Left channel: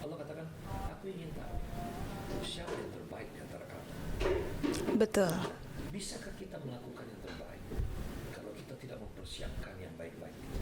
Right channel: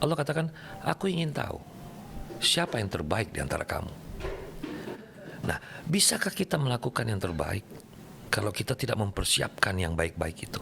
Allah katakan, aku ingin tahu siapa yang terbaik di antara kamu. Betul. Nah, bisakah kita melakukan yang terbaik kalau kita tidak mempersiapkan yang baik-baik itu?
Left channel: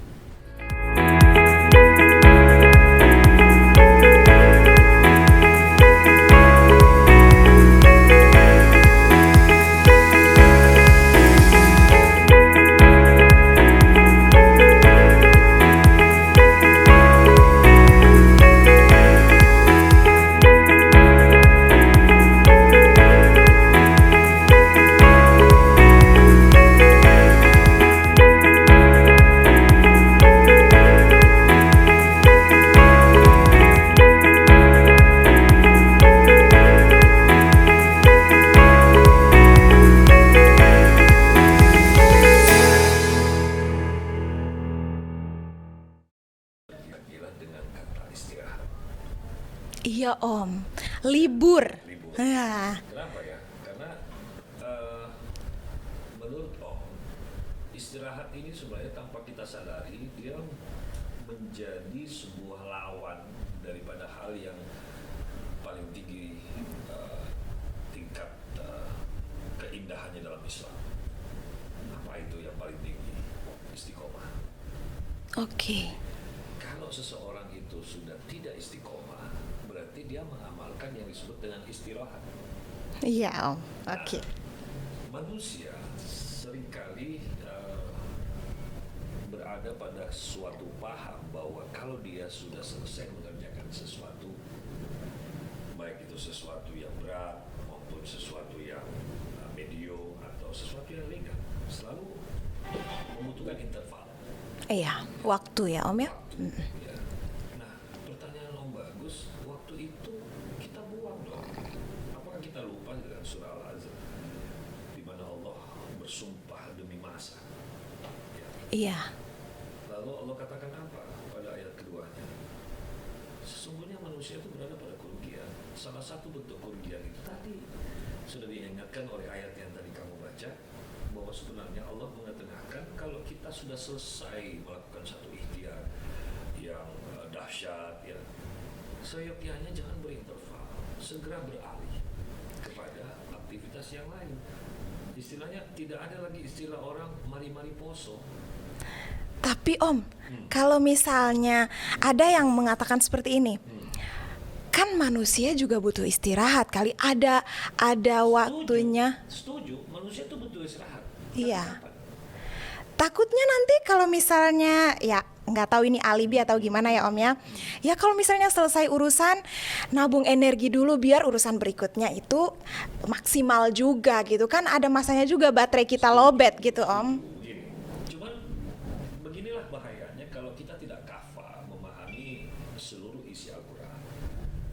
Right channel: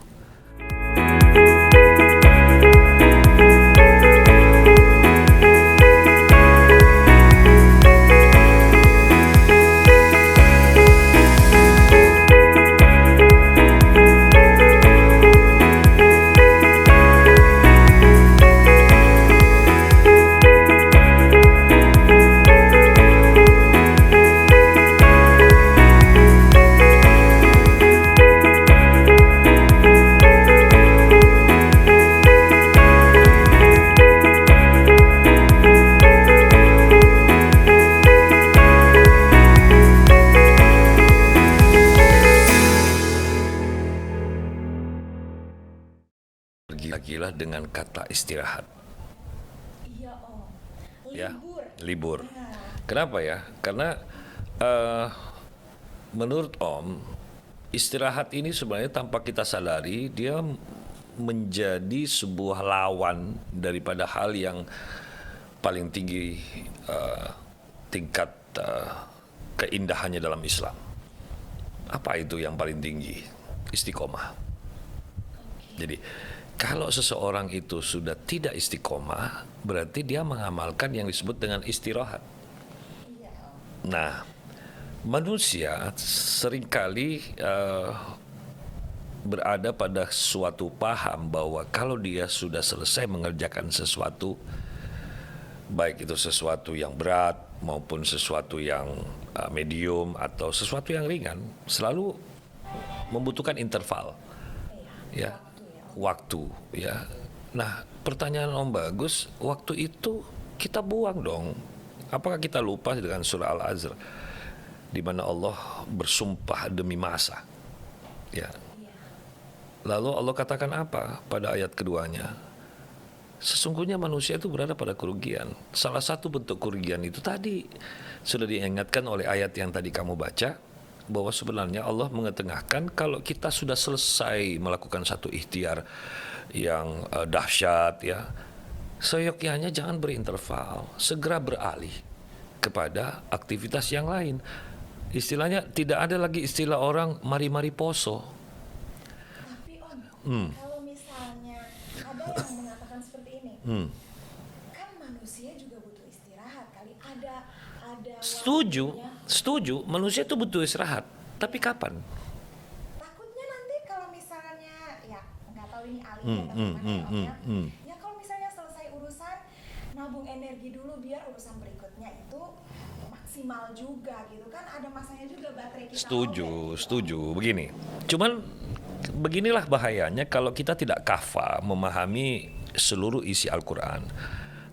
Gila-gila dengan kata istirahat. Iya Om, libur. Ya, libur. Ya. Kenapa ya? Karena menurut Om, istirahat ini sebenarnya tanpa kita sadari dia menjadi sebuah lawan daripada hal yang paling tinggi tingkat keindahannya dalam Islam. Apa itu yang paling tinggi? Istiqomah. Oke. Jadi kalau seseorang itu sudah tidak istiqomah, berarti dia mengamalkan yang disebut dengan istirahat. Iya Om. Nah, Oke. manusia seringkali berada pada suatu paham bahwa kalau dia sudah selesai mengerjakan sesuatu, baik itu sesuatu yang berat maupun sesuatu yang medium atau sesuatu yang ringan, selalu membutuhkan interval. Iya, Ya. waktu ya Om ya. Waktu, ya. Nah, pertanyaan Om bagus, waktu itu kita buang dong. Apakah kita lupa dengan surah Al-Azr di mana Allah bersumpah demi masa? Ya. Iya. Lalu Allah katakan apa pada ayat keduanya? Sesungguhnya manusia itu berada pada kerugian. Salah satu bentuk kerugian itu tadi sudah diingatkan oleh ayat yang tadi kamu baca, bahwa sebenarnya Allah mengetengahkan kalau kita sudah selesai melakukan satu ikhtiar yang dahsyat, ya, seyogyanya jangan berinterval, segera beralih kepada aktivitas yang lain. Istilahnya tidak ada lagi istilah orang mari-mari poso. Tapi Om, kalau misalnya ada yang mengatakan seperti ini, kan manusia juga butuh istirahat kali. Ada waktunya. Setuju, manusia itu butuh istirahat. Tapi Iya. kapan? Takutnya nanti kalau misalnya ya nggak tahu ini alibi atau gimana ya Om ya. Ya kalau misalnya selesai urusan, nabung energi dulu biar urusan berikutnya itu maksimal juga gitu kan. Ada masanya juga baterai kita lowbat gitu Setuju, Om. begini. Cuman beginilah bahayanya kalau kita tidak kafa memahami seluruh isi Al-Quran.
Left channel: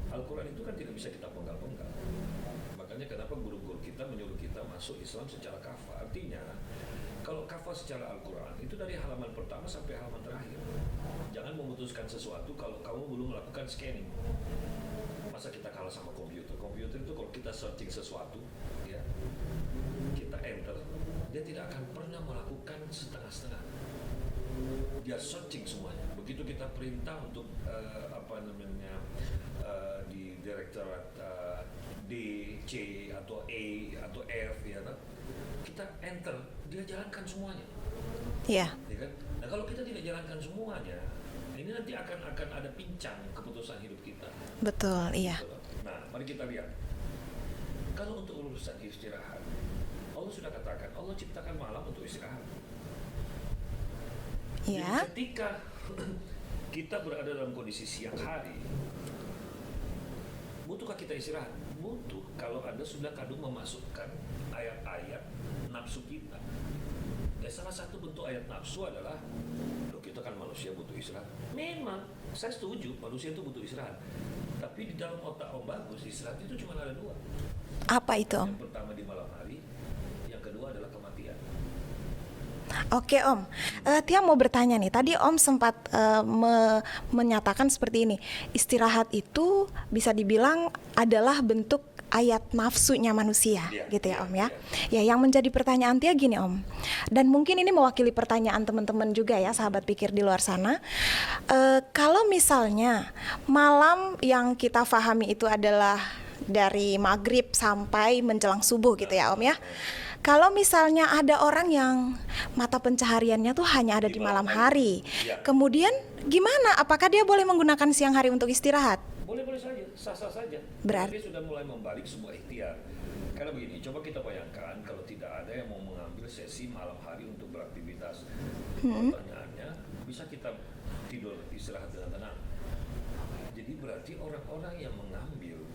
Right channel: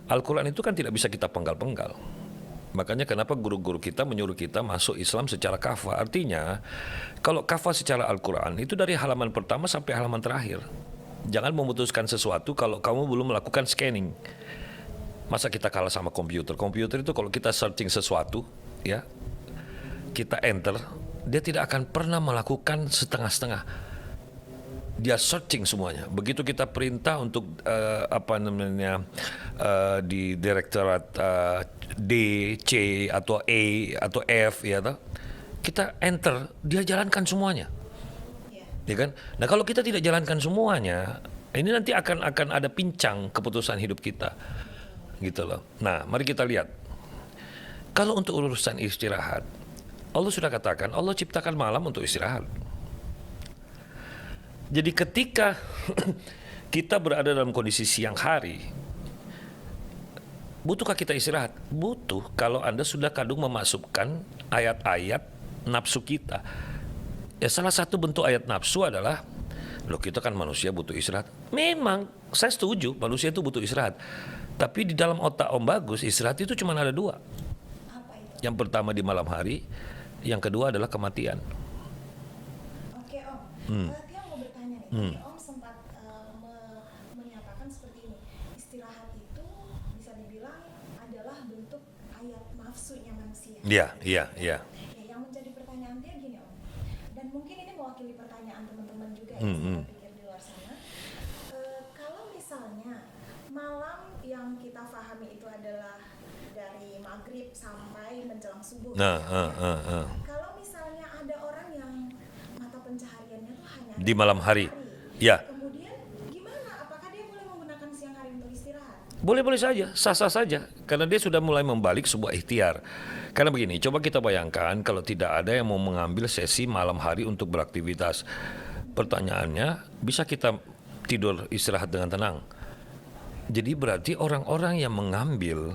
Al-Quran itu kan tidak bisa kita penggal-penggal. Makanya kenapa guru-guru kita menyuruh kita masuk Islam secara kafa. Artinya kalau kafa secara Al-Quran itu dari halaman pertama sampai halaman terakhir. Jangan memutuskan sesuatu kalau kamu belum melakukan scanning. Masa kita kalah sama komputer? Komputer itu kalau kita searching sesuatu, ya, kita enter, dia tidak akan pernah melakukan setengah-setengah. Dia searching semuanya. Begitu kita perintah untuk di direktorat D, C atau E atau F, ya toh, kita enter, dia jalankan semuanya, Iya. ya kan? Nah kalau kita tidak jalankan semuanya, ini nanti akan ada pincang keputusan hidup kita, Betul, iya. gitu loh. Nah mari kita lihat. Kalau untuk urusan istirahat, Allah sudah katakan Allah ciptakan malam untuk istirahat. Iya. Jadi ketika kita berada dalam kondisi siang hari, butuhkah kita istirahat? Butuh, kalau Anda sudah kadung memasukkan ayat-ayat nafsu kita. Ya salah satu bentuk ayat nafsu adalah, loh kita kan manusia butuh istirahat. Memang, saya setuju manusia itu butuh istirahat. Tapi di dalam otak Om Bagus, istirahat itu cuma ada dua. Apa itu Om? Yang pertama di malam hari, yang kedua adalah kematian. Oke Om, Tia mau bertanya nih. Tadi Om sempat menyatakan seperti ini. Istirahat itu bisa dibilang adalah bentuk ayat nafsunya manusia, Iya, gitu iya, ya Om ya. iya. Ya, yang menjadi pertanyaan Tia gini Om, dan mungkin ini mewakili pertanyaan teman-teman juga ya, sahabat pikir di luar sana. Kalau misalnya malam yang kita pahami itu adalah dari maghrib sampai menjelang subuh gitu ya Om ya. Kalau misalnya ada orang yang mata pencahariannya tuh hanya ada Di di malam malam hari. hari, Ya. kemudian gimana? Apakah dia boleh menggunakan siang hari untuk istirahat? Boleh-boleh saja, sah-sah saja. Karena dia sudah mulai membalik sebuah ikhtiar. Karena begini, coba kita bayangkan kalau tidak ada yang mau mengambil sesi malam hari untuk beraktivitas. Pertanyaannya, bisa kita tidur istirahat dengan tenang? Jadi berarti orang-orang yang mengambil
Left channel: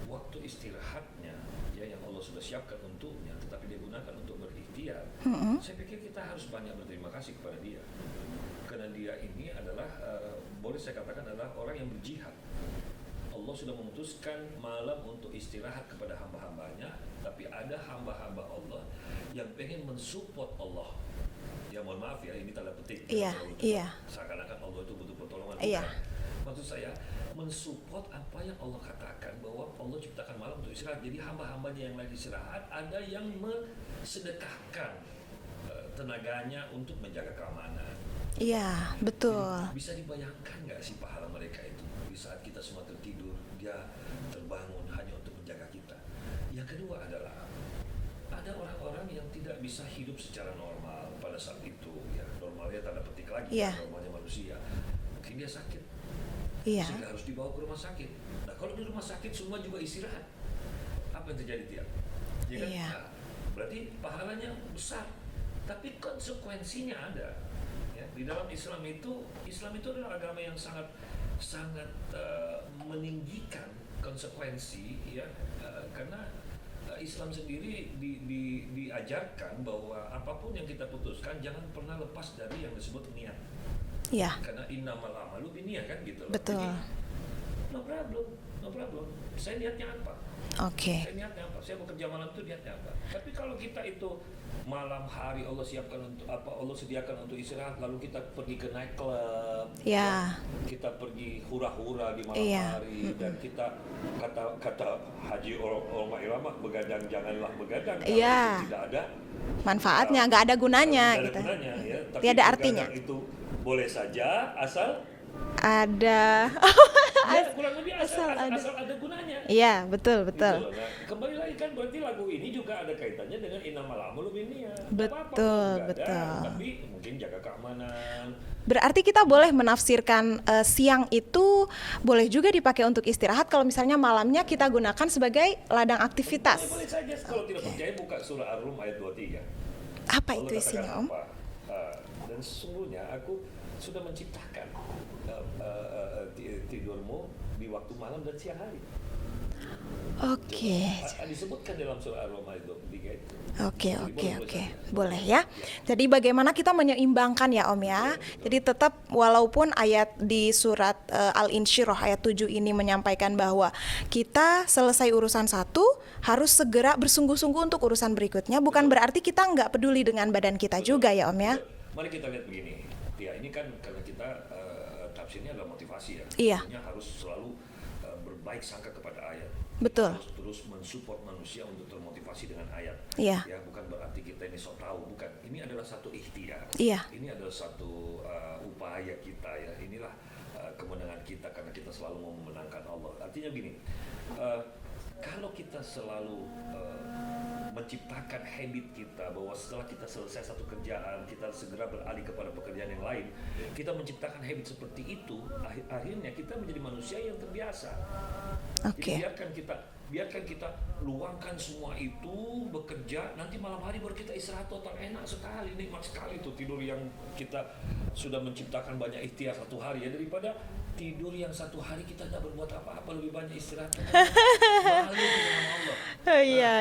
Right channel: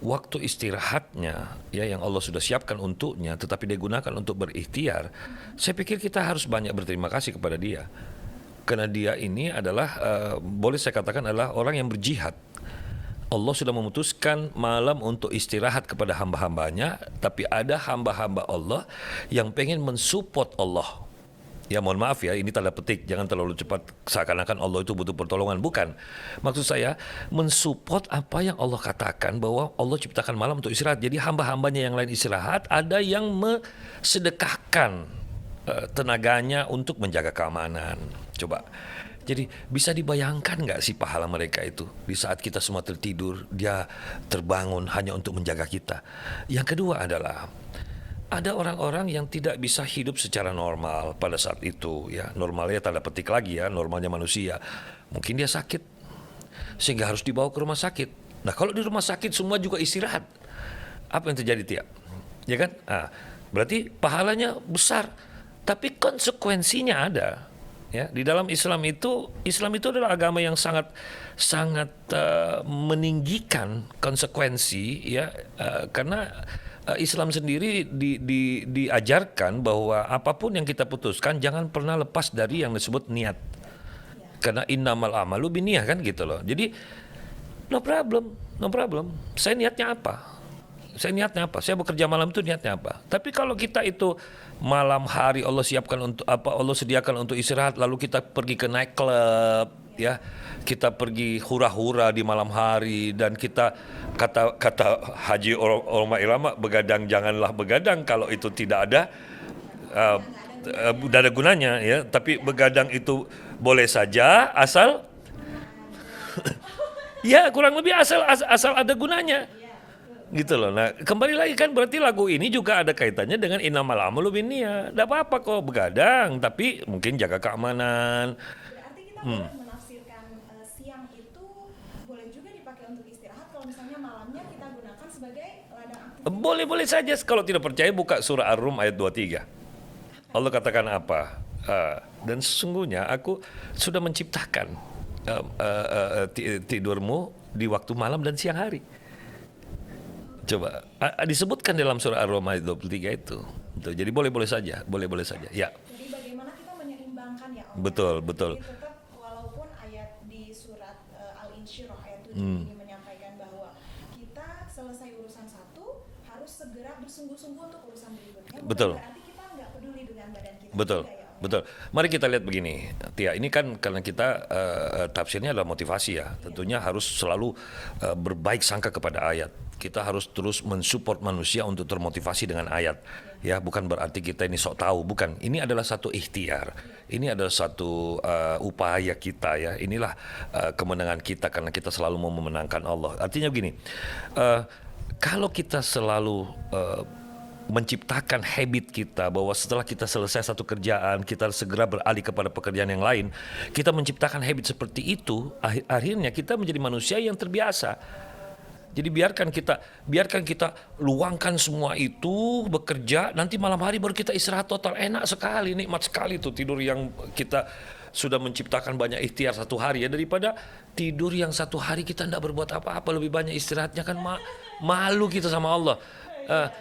waktu istirahatnya ya yang Allah sudah siapkan untuknya tetapi dia gunakan untuk berikhtiar, saya pikir kita harus banyak berterima kasih kepada dia. Karena dia ini adalah boleh saya katakan adalah orang yang berjihad. Allah sudah memutuskan malam untuk istirahat kepada hamba-hambanya, tapi ada hamba-hamba Allah yang pengen mensupport Allah. Ya mohon maaf ya, ini tanda petik, jangan Iya, terlalu cepat iya. seakan-akan Allah itu butuh pertolongan. Bukan. Maksud saya mensupport apa yang Allah katakan bahwa Allah ciptakan malam untuk istirahat. Jadi hamba-hambanya yang lain istirahat, ada yang sedekahkan tenaganya untuk menjaga keamanan. Coba. Iya, betul. Jadi bisa dibayangkan nggak sih pahala mereka itu di saat kita semua tertidur, dia terbangun hanya untuk menjaga kita. Yang kedua adalah ada orang-orang yang tidak bisa hidup secara normal pada saat itu ya. Normalnya tanda petik lagi ya, normalnya manusia. Mungkin dia sakit. Sehingga harus dibawa ke rumah sakit. Nah, kalau di rumah sakit semua juga istirahat. Apa yang terjadi, Tia? Ya kan? Nah, berarti pahalanya besar. Tapi konsekuensinya ada. Ya, di dalam Islam itu adalah agama yang sangat meninggikan konsekuensi ya, karena Islam sendiri diajarkan bahwa apapun yang kita putuskan jangan pernah lepas dari yang disebut niat. Ya. Karena innamal amalu binniyah kan gitu loh. Betul. Jadi no problem. Saya niatnya apa? Oke. Saya niatnya apa? Saya bekerja malam itu niatnya apa? Tapi kalau kita itu malam hari Allah siapkan untuk apa? Allah sediakan untuk istirahat, lalu kita pergi ke night club, ya. Kita pergi hura-hura di malam hari dan kita kata Haji orang irama begadang janganlah begadang kalau itu tidak ada manfaatnya, nggak ada gunanya. Tidak ada gunanya ya. Tapi Tiada begadang itu boleh saja asal ada. ya kurang lebih asal ada gunanya. Iya, betul. Gitu loh. Nah, kembali lagi kan berarti lagu ini juga ada kaitannya dengan innamal amalu binniyah. Enggak apa-apa kalau begadang, tapi mungkin jaga keamanan. Berarti kita boleh menafsirkan siang itu boleh juga dipakai untuk istirahat kalau misalnya malamnya kita gunakan sebagai ladang aktivitas. Boleh saja. Kalau tidak percaya buka surah Ar-Rum ayat 23. Apa Allah itu, katakan Om? apa? Dan sesungguhnya aku sudah menciptakan tidurmu di waktu malam dan siang hari. Oke. Coba disebutkan dalam surah Ar-Rum ayat 23 itu. Oke, Jadi oke, boleh oke. saja, Boleh saja. Ya. Jadi bagaimana kita menyeimbangkan ya Om ya. Betul. Jadi tetap walaupun ayat di surat Al-Insyirah ayat 7 ini menyampaikan bahwa kita selesai urusan satu harus segera bersungguh-sungguh untuk urusan berikutnya. Bukan Betul. berarti kita nggak peduli dengan badan kita juga ya Om ya. Betul. Mari kita lihat begini, Tia. Ini kan karena kita tafsirnya adalah motivasi ya. Iya. Tentunya harus selalu berbaik sangka kepada ayat. Kita harus terus mensupport manusia untuk termotivasi dengan ayat. Iya. Ya, bukan berarti kita ini sok tahu, bukan. Ini adalah satu ikhtiar. Iya. Ini adalah satu upaya kita ya. Inilah kemenangan kita karena kita selalu mau memenangkan Allah. Artinya begini, kalau kita selalu menciptakan habit kita bahwa setelah kita selesai satu kerjaan kita segera beralih kepada pekerjaan yang lain, kita menciptakan habit seperti itu, akhirnya kita menjadi manusia yang terbiasa. Jadi biarkan kita luangkan semua itu bekerja, nanti malam hari baru kita istirahat total. Enak sekali, nikmat sekali tuh tidur yang kita sudah menciptakan banyak ikhtiar satu hari ya, daripada tidur yang satu hari kita tidak berbuat apa-apa, lebih banyak istirahatnya kan malu kita sama Allah.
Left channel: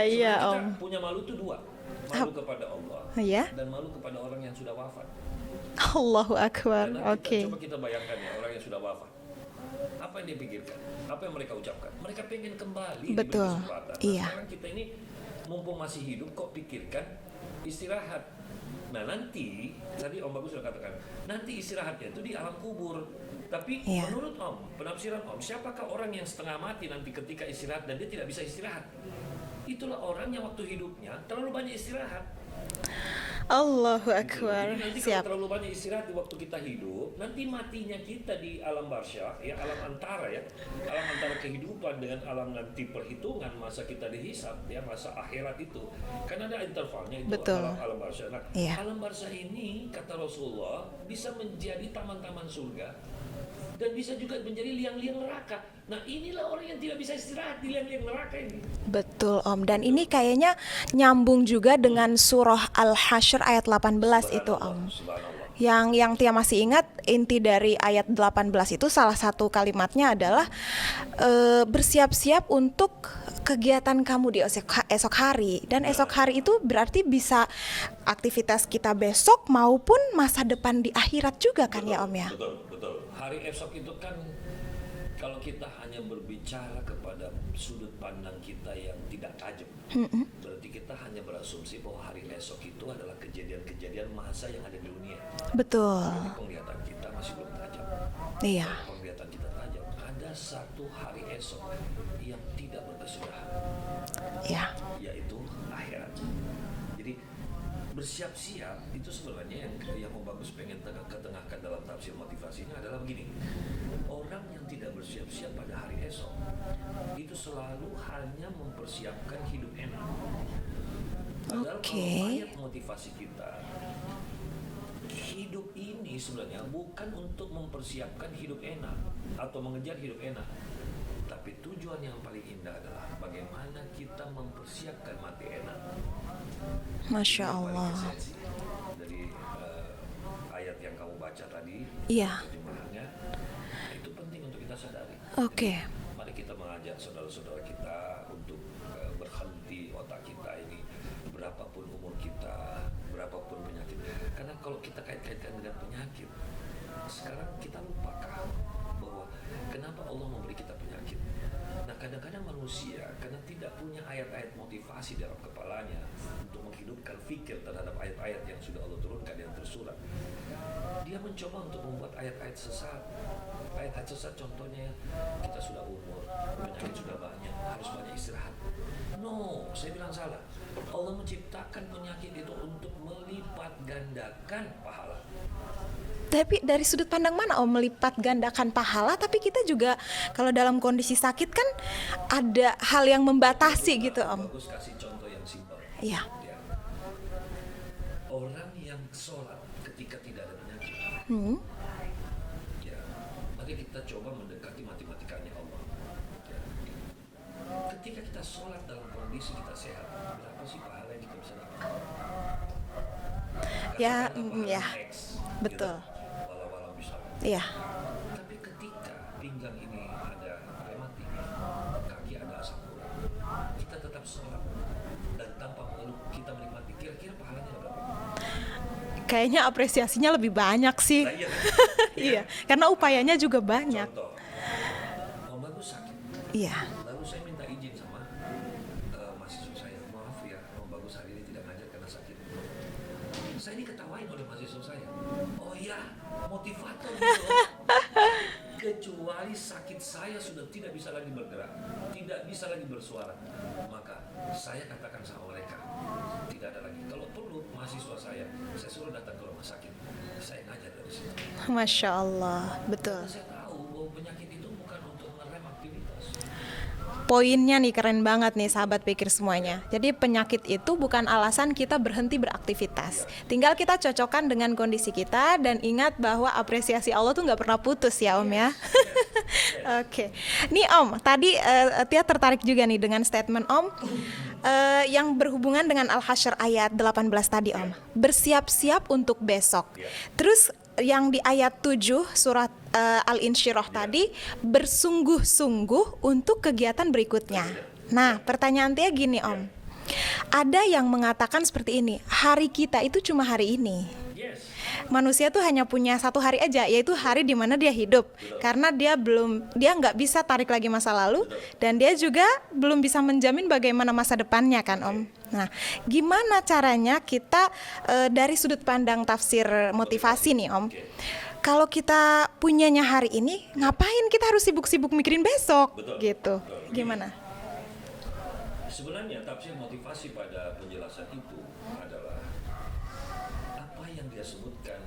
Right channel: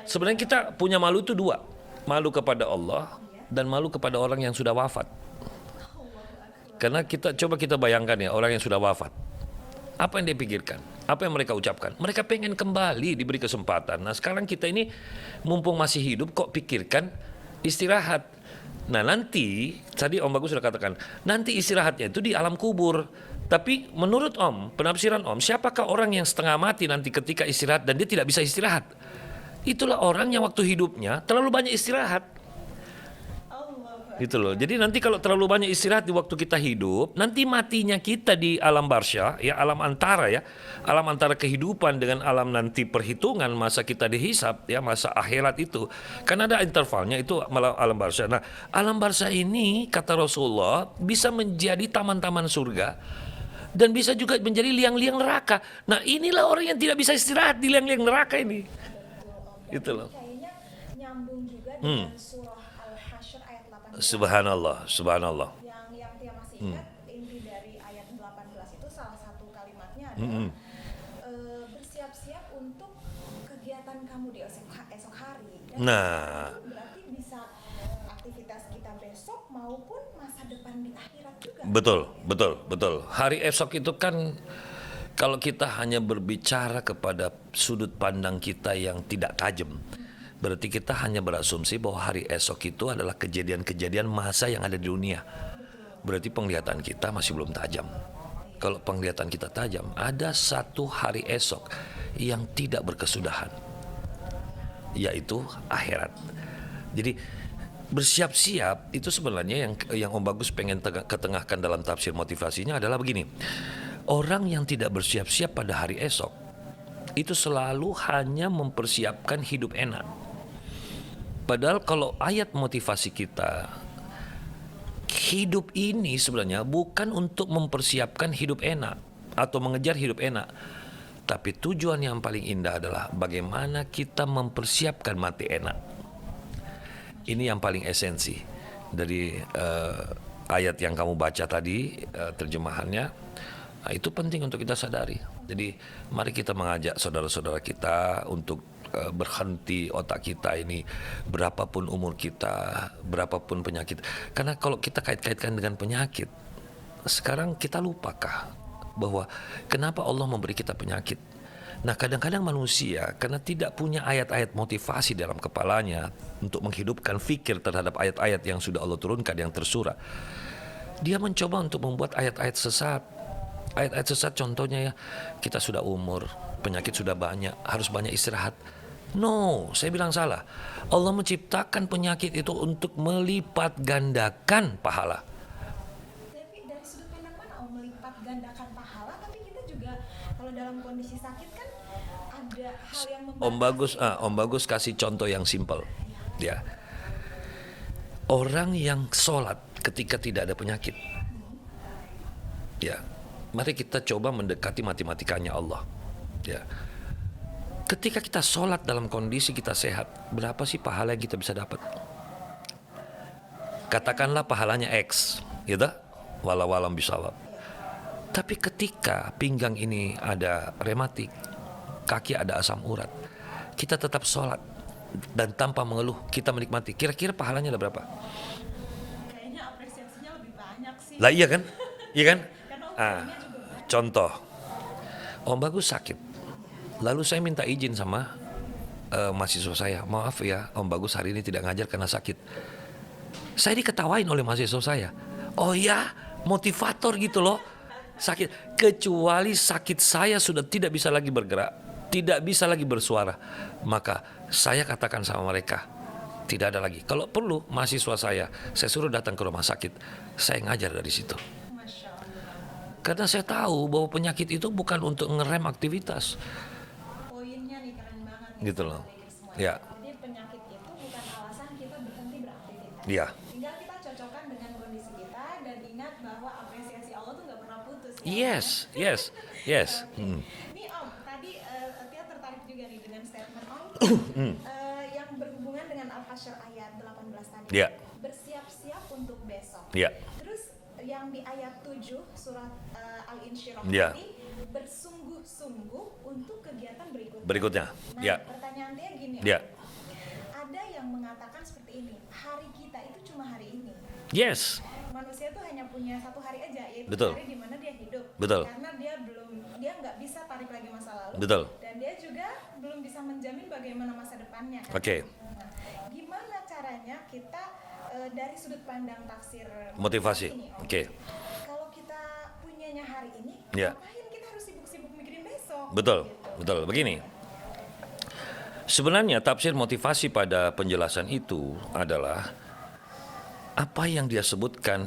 Sebenarnya kita punya malu itu dua, malu kepada Allah dan malu kepada orang yang sudah wafat. Allahu Akbar. Karena coba kita bayangkan ya, orang yang sudah wafat, apa yang dia pikirkan? Apa yang mereka ucapkan? Mereka pengen kembali diberi kesempatan. Nah sekarang kita ini mumpung masih hidup kok pikirkan istirahat. Nah nanti, tadi Om Bagus sudah katakan, nanti istirahatnya itu di alam kubur. Tapi Iya. menurut Om, penafsiran Om, siapakah orang yang setengah mati nanti ketika istirahat dan dia tidak bisa istirahat? Itulah orang yang waktu hidupnya terlalu banyak istirahat. Allahu Akbar. Gitu loh. Jadi nanti kalau Siap. terlalu banyak istirahat di waktu kita hidup, nanti matinya kita di alam barzah, ya alam antara ya, alam antara kehidupan dengan alam nanti perhitungan masa kita dihisap, ya masa akhirat itu, kan ada intervalnya itu Betul. alam barzah. Nah, Iya. alam barzah ini kata Rasulullah bisa menjadi taman-taman surga. Dan bisa juga menjadi liang-liang neraka. Nah inilah orang yang tidak bisa istirahat di liang-liang neraka ini. Betul Om, dan Gitu ini loh. kayaknya nyambung juga dengan surah Al-Hasyr ayat 18 itu Om. Subhanallah, subhanallah. Yang Tia masih ingat inti dari ayat 18 itu salah satu kalimatnya adalah bersiap-siap untuk kegiatan kamu di esok hari. Dan Nah. esok hari itu berarti bisa aktivitas kita besok maupun masa depan di akhirat juga kan Betul, ya Om ya? betul, betul. Hari esok itu kan kalau kita hanya berbicara kepada sudut pandang kita yang tidak tajam, berarti kita hanya berasumsi bahwa hari esok itu adalah kejadian-kejadian masa yang ada di dunia. Betul. Berarti penglihatan kita masih belum tajam. Iya. Kalau penglihatan kita tajam, ada satu hari esok yang tidak berkesudahan, Ya. yaitu akhirat. Jadi bersiap-siap itu sebenarnya yang Om Bagus pengen ketengahkan dalam tafsir motivasinya adalah begini. Orang yang tidak bersiap-siap pada hari esok itu selalu hanya mempersiapkan hidup enak. Padahal kalau ayat motivasi kita, hidup ini sebenarnya bukan untuk mempersiapkan hidup enak atau mengejar hidup enak. Tapi tujuan yang paling indah adalah bagaimana kita mempersiapkan mati enak. Masya Ini yang paling Allah. esensi dari ayat yang kamu baca tadi, Iya. terjemahannya. Nah, itu penting untuk kita sadari. Oke. Jadi mari kita mengajak saudara-saudara kita untuk berhenti otak kita ini, berapapun umur kita, berapapun penyakit. Karena kalau kita kait-kaitkan dengan penyakit, sekarang kita lupakah bahwa kenapa Allah memberi kita penyakit? Nah, kadang-kadang manusia karena tidak punya ayat-ayat motivasi dalam kepalanya untuk menghidupkan fikir terhadap ayat-ayat yang sudah Allah turunkan yang tersurat, dia mencoba untuk membuat ayat-ayat sesat. Ayat-ayat sesat contohnya ya, kita sudah umur, penyakit sudah banyak, harus banyak istirahat. No, saya bilang salah. Allah menciptakan penyakit itu untuk melipat gandakan pahala. Tapi dari sudut pandang mana Om melipat gandakan pahala? Tapi kita juga kalau dalam kondisi sakit kan ada hal yang membatasi gitu Om Bagus kasih contoh yang simpel. Iya. Ya. Orang yang sholat ketika tidak ada penyakit. Ya, mari kita coba mendekati matematikanya Allah. Ya. Ketika kita sholat dalam kondisi kita sehat, berapa sih pahala yang kita bisa dapat? Katakanlah pahalanya X, gitu. Betul. Walau-walam bisawab. Iya. Tapi ketika pinggang ini ada rematik, kaki ada asam urat, kita tetap sholat dan tanpa mengeluh kita menikmati. Kira-kira pahalanya ada berapa? Kayaknya apresiasinya lebih banyak sih. Lah iya kan? Iya kan? Karena upayanya juga banyak. Contoh, Om Bagus sakit. Iya. Lalu saya minta izin sama mahasiswa saya, maaf ya Om Bagus hari ini tidak ngajar karena sakit. Saya diketawain oleh mahasiswa saya. Oh ya, motivator gitu loh. Sakit. Kecuali sakit saya sudah tidak bisa lagi bergerak, tidak bisa lagi bersuara, maka saya katakan sama mereka, tidak ada lagi. Kalau perlu mahasiswa saya suruh datang ke rumah sakit, saya ngajar dari situ. Masya Allah. Betul. Karena saya tahu bahwa penyakit itu bukan untuk ngerem aktivitas. Poinnya nih keren banget nih Gitu sahabat loh. pikir semuanya. Ya. Jadi penyakit itu bukan alasan kita berhenti beraktivitas. Ya. Tinggal kita cocokkan dengan kondisi kita dan ingat bahwa apresiasi Allah tuh nggak pernah putus ya Om ya. Yes. Oke. Nih Om, tadi Tia tertarik juga nih dengan statement Om yang berhubungan dengan Al-Hasyr ayat 18 tadi Ya. Om. Bersiap-siap untuk besok. Ya. Terus yang di ayat 7 surat Al-Insyirah Ya. tadi, bersungguh-sungguh untuk kegiatan berikutnya. Nah, Ya. pertanyaan Tia gini Om. Ya. Ada yang mengatakan seperti ini, hari kita itu cuma hari ini. Yes. Manusia tuh hanya punya satu hari aja, yaitu Betul. hari di mana dia hidup. Betul. Karena dia nggak bisa tarik lagi masa lalu, Betul. dan dia juga belum bisa menjamin bagaimana masa depannya kan Oke. Om. Nah, gimana caranya kita dari sudut pandang tafsir motivasi nih Om? Oke. kalau kita punyanya hari ini, Ya. ngapain kita harus sibuk-sibuk mikirin besok? Betul, Gitu. betul. Begini. Gimana? Sebenarnya tafsir motivasi pada penjelasan itu adalah apa yang dia sebutkan,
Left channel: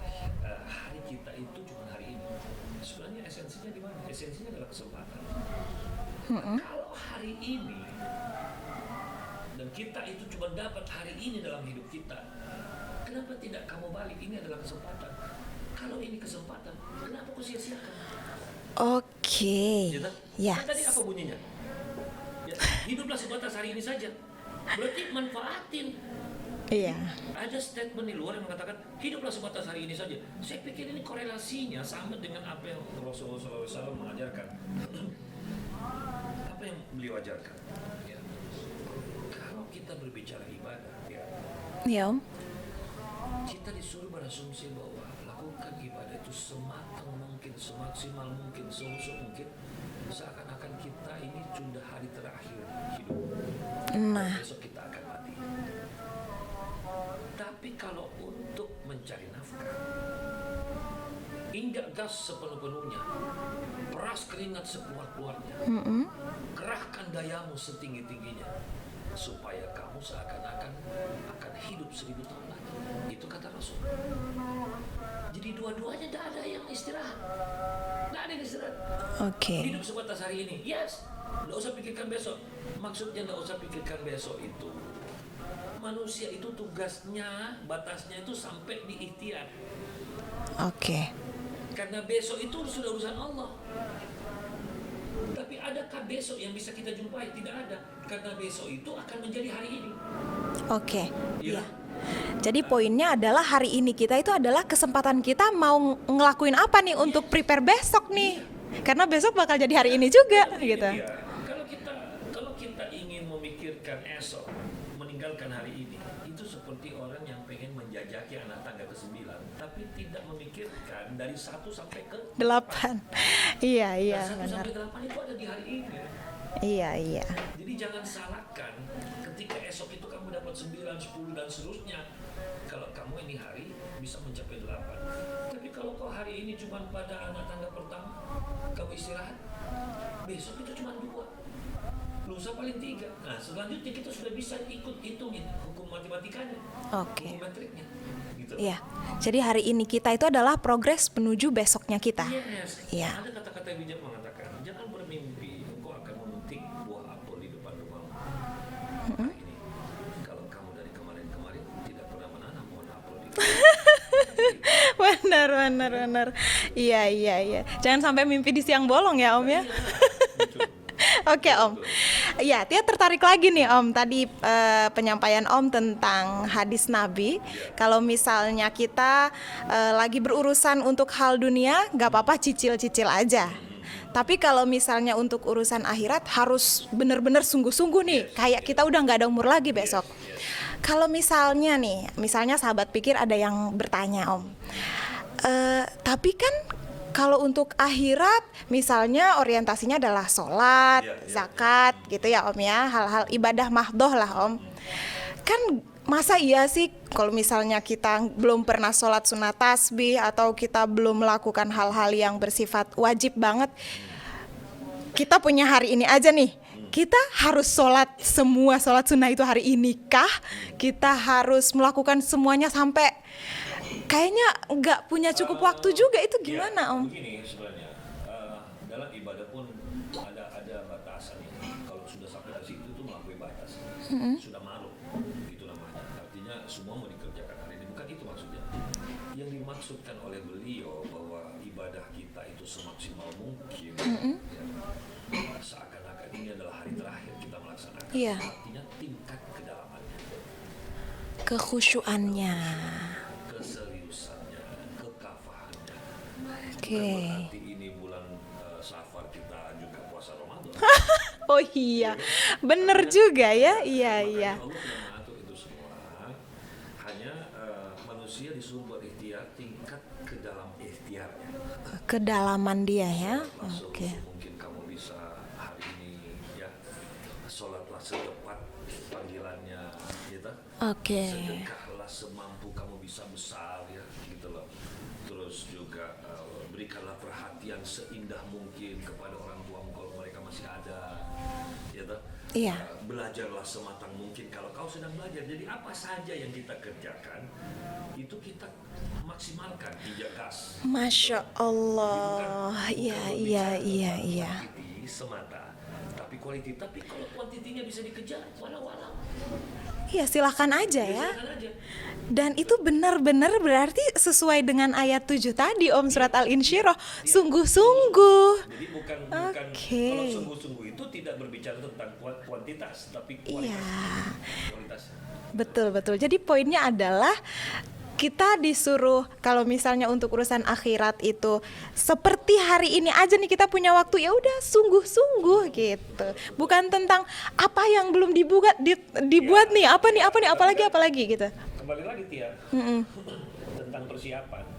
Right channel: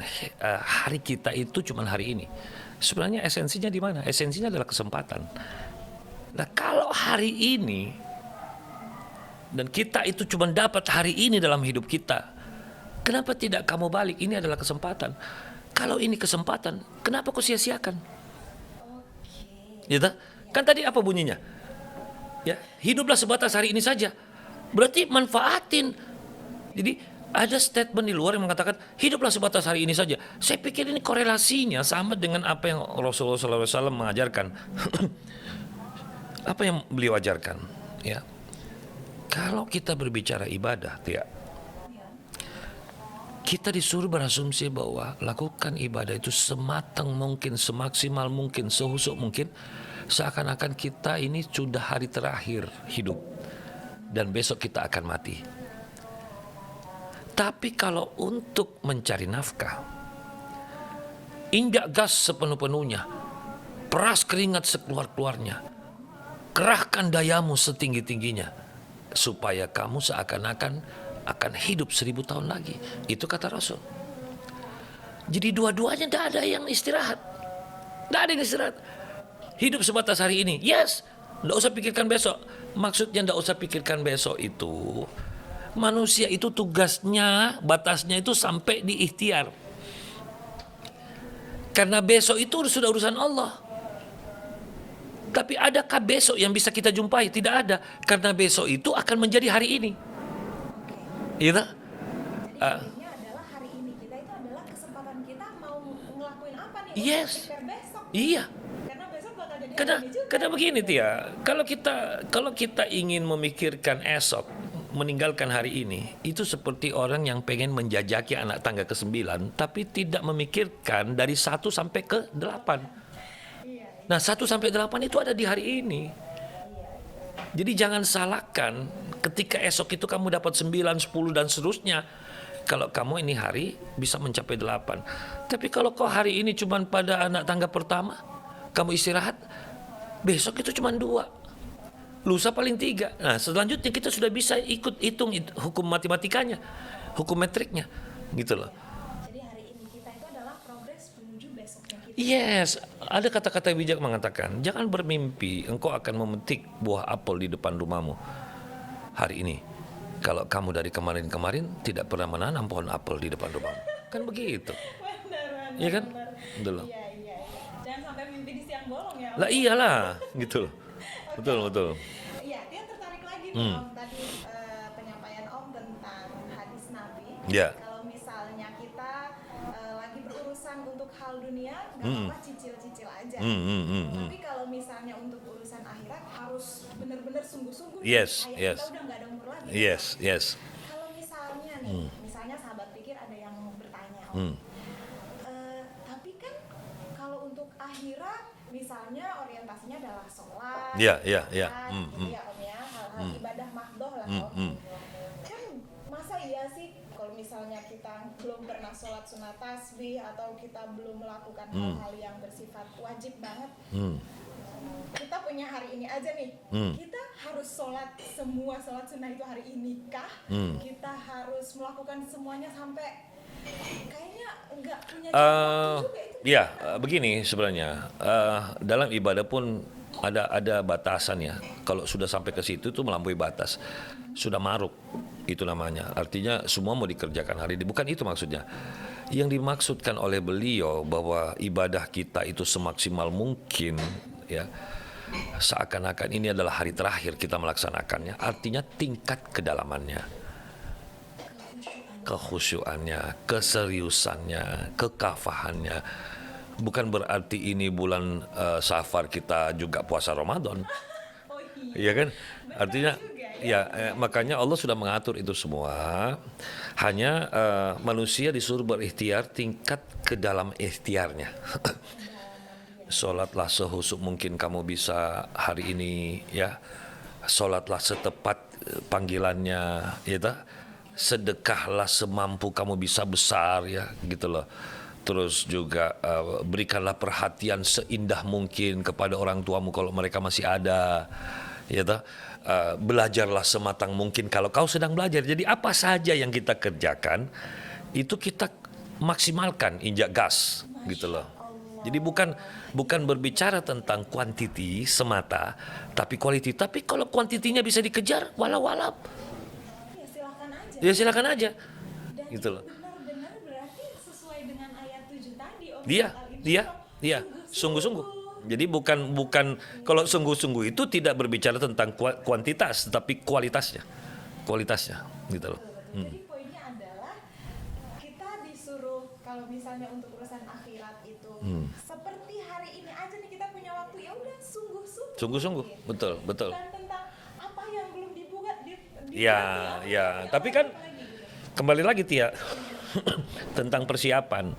hari kita itu cuma hari ini. Sebenarnya esensinya di mana? Esensinya adalah kesempatan. Nah, kalau hari ini dan kita itu cuma dapat hari ini dalam hidup kita, kenapa tidak kamu balik? Ini adalah kesempatan. Kalau ini kesempatan, kenapa kau sia-siakan? Oke. Gitu? Yes. Kan tadi apa bunyinya? Ya, hiduplah sebatas hari ini saja. Berarti manfaatin. Jadi ada statement di luar yang mengatakan hiduplah sebatas hari ini saja. Saya pikir ini korelasinya sama dengan apa yang Rasulullah SAW mengajarkan. Apa yang beliau ajarkan? Ya, kalau kita berbicara ibadah, ya, Ya, Om. kita disuruh berasumsi bahwa lakukan ibadah itu sematang mungkin, semaksimal mungkin, sehusuk mungkin, seakan-akan kita ini sudah hari terakhir hidup dan besok kita akan mati. Tapi kalau untuk mencari nafkah, injak gas sepenuh-penuhnya, peras keringat sekeluar-keluarnya, kerahkan dayamu setinggi-tingginya, supaya kamu seakan-akan akan hidup 1000 tahun lagi. Itu kata Rasul. Jadi dua-duanya tidak ada yang istirahat. Tidak ada yang istirahat. Oke. Hidup sebatas hari ini. Yes. Tidak usah pikirkan besok. Maksudnya tidak usah pikirkan besok itu, manusia itu tugasnya, batasnya itu sampai di ikhtiar. Oke. Karena besok itu sudah urusan Allah. Tapi adakah besok yang bisa kita jumpai? Tidak ada. Karena besok itu akan menjadi hari ini. Oke. Iya. Jadi poinnya adalah hari ini kita itu adalah kesempatan kita mau ngelakuin apa nih untuk Yes. prepare besok nih. Iya. Karena besok bakal jadi hari ini juga. Karena begini, gitu. Tia, kalau kita ingin memikirkan esok, meninggalkan hari ini, itu seperti orang yang pengen menjajaki anak tangga ke-9, tapi tidak memikirkan dari 1 sampai ke 8. 8. Iya, iya. Nah, 1 benar. sampai 8 itu ada di hari ini. Iya, iya. Jadi jangan salahkan ketika esok itu kamu dapat 9, 10 dan seterusnya. Kalau kamu ini hari bisa mencapai 8. Tapi kalau kau hari ini cuma pada anak tangga pertama, kamu istirahat, besok itu cuma 2. Lusa paling 3. Nah, selanjutnya kita sudah bisa ikut hitung hukum matematikanya, hukum metriknya, gitu loh. Iya. Jadi hari ini kita itu adalah progres menuju besoknya kita. Yes, Iya. ada kata-kata bijak mengatakan, jangan bermimpi engkau akan memetik buah apel di depan rumahmu hari ini. Kalau kamu dari kemarin-kemarin tidak pernah menanam pohon apel di depan rumah. Kan begitu. Benar, Iya kan? benar. Betul. Iya, iya, iya. Jangan sampai mimpi di siang bolong ya, Om Lah ya. iyalah, gitu. Oke, Betul, Om. betul. Iya, Tia tertarik lagi nih Om. Tadi penyampaian Om tentang hadis Nabi. Ya. Kalau misalnya kita lagi berurusan untuk hal dunia, nggak apa-apa cicil-cicil aja. Tapi kalau misalnya untuk urusan akhirat harus benar-benar sungguh-sungguh nih. Yes, Kayak yes. kita udah nggak ada umur lagi besok. Yes. Kalau misalnya nih, misalnya sahabat pikir ada yang bertanya Om. Tapi kan kalau untuk akhirat, misalnya orientasinya adalah sholat, Iya, iya, zakat, iya. gitu ya Om ya, hal-hal ibadah mahdoh lah Om. Kan masa iya sih kalau misalnya kita belum pernah sholat sunat tasbih atau kita belum melakukan hal-hal yang bersifat wajib banget, kita punya hari ini aja nih, kita harus sholat semua sholat sunnah itu hari ini kah? Kita harus melakukan semuanya sampai kayaknya nggak punya cukup waktu juga, itu gimana Om? Begini sebenarnya, dalam ibadah pun ada batasan ya. Kalau sudah sampai ke situ tuh melampaui batas, sudah maruk itu namanya. Artinya semua mau dikerjakan hari ini. Bukan itu maksudnya. Yang dimaksudkan oleh beliau bahwa ibadah kita itu semaksimal mungkin, ya. Seakan-akan ini adalah hari terakhir kita melaksanakannya. Iya. Artinya tingkat kedalamannya, Kekhusyuannya. keseriusannya, kekafahannya. Bukan Oke. berarti ini bulan Safar kita juga puasa Ramadan. Oh iya, Iya kan? bener Artinya, juga ya. Iya, makanya iya. Allah sudah mengatur itu semua. Hanya manusia disuruh berikhtiar tingkat ke dalam ikhtiarnya. Kedalaman dia ya. Sholatlah sehusuk mungkin kamu bisa hari ini, ya. Sholatlah setepat panggilannya, ya. Oke. Sedekahlah semampu kamu bisa besar, ya, gitu loh. terus juga berikanlah perhatian seindah mungkin kepada orang tuamu kalau mereka masih ada, ya toh. Iya. Belajarlah sematang mungkin kalau kau sedang belajar. Jadi apa saja yang kita kerjakan itu kita maksimalkan, injak gas, gitu Masya loh. Allah. Jadi bukan Iya, berbicara iya, tentang iya. quantity semata, tapi quality. Tapi kalau kuantitinya bisa dikejar, walau-walau, Iya, silakan aja ya ya. silakan aja. Dan Gitu itu loh. benar-benar berarti sesuai dengan ayat 7 tadi Om, Iya, surat Al-Insyirah. iya. Sungguh-sungguh. Jadi bukan Oke. kalau sungguh-sungguh itu tidak berbicara tentang kuantitas, tapi kualitasnya. Kualitasnya. Gitu loh. Betul. Jadi poinnya adalah kita disuruh kalau misalnya untuk urusan akhirat itu seperti hari ini aja nih kita punya waktu, ya udah sungguh-sungguh Sungguh-sungguh, gitu. betul. Bukan tentang apa yang belum dibuat Ya, nih, apa nih, ya. Tapi apalagi gitu. Kembali lagi Tia, tentang persiapan.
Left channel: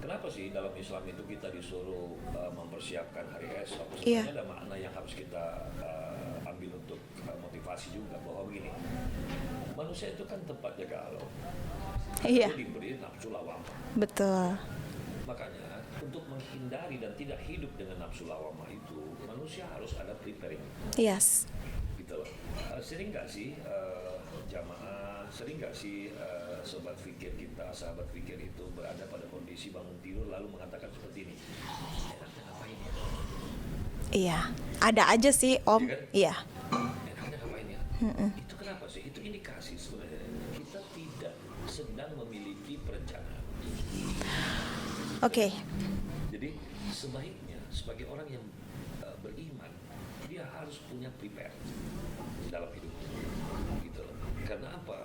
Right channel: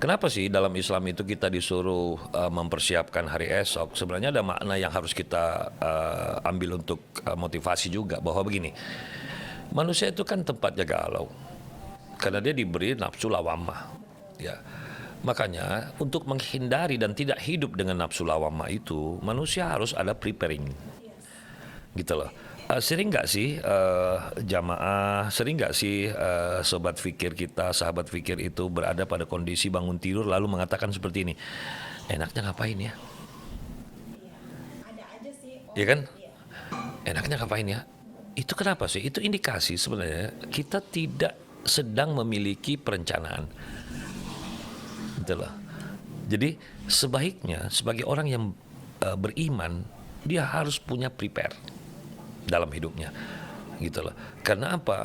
Kenapa sih dalam Islam itu kita disuruh mempersiapkan hari esok? Sebenarnya ada makna yang harus kita ambil untuk motivasi juga, bahwa begini, manusia itu kan tempatnya galau, karena Iya. dia diberi nafsu lawamah. Betul. Ya. Makanya untuk menghindari dan tidak hidup dengan nafsu lawamah itu, manusia harus ada preparing, Yes. gitu loh. Sering nggak sih jamaah, sering nggak sih sobat fikir kita, sahabat fikir itu berada pada kondisi bangun tidur lalu mengatakan seperti ini, enaknya ngapain ya? Iya. Ada aja sih Om. Iya kan? Iya. Enaknya ngapain ya? Itu kenapa sih? Itu indikasi sebenarnya kita tidak sedang memiliki perencanaan. Gitu Oke. loh. Jadi sebaiknya sebagai orang yang beriman, dia harus punya prepare dalam hidupnya, gitu loh. Karena apa?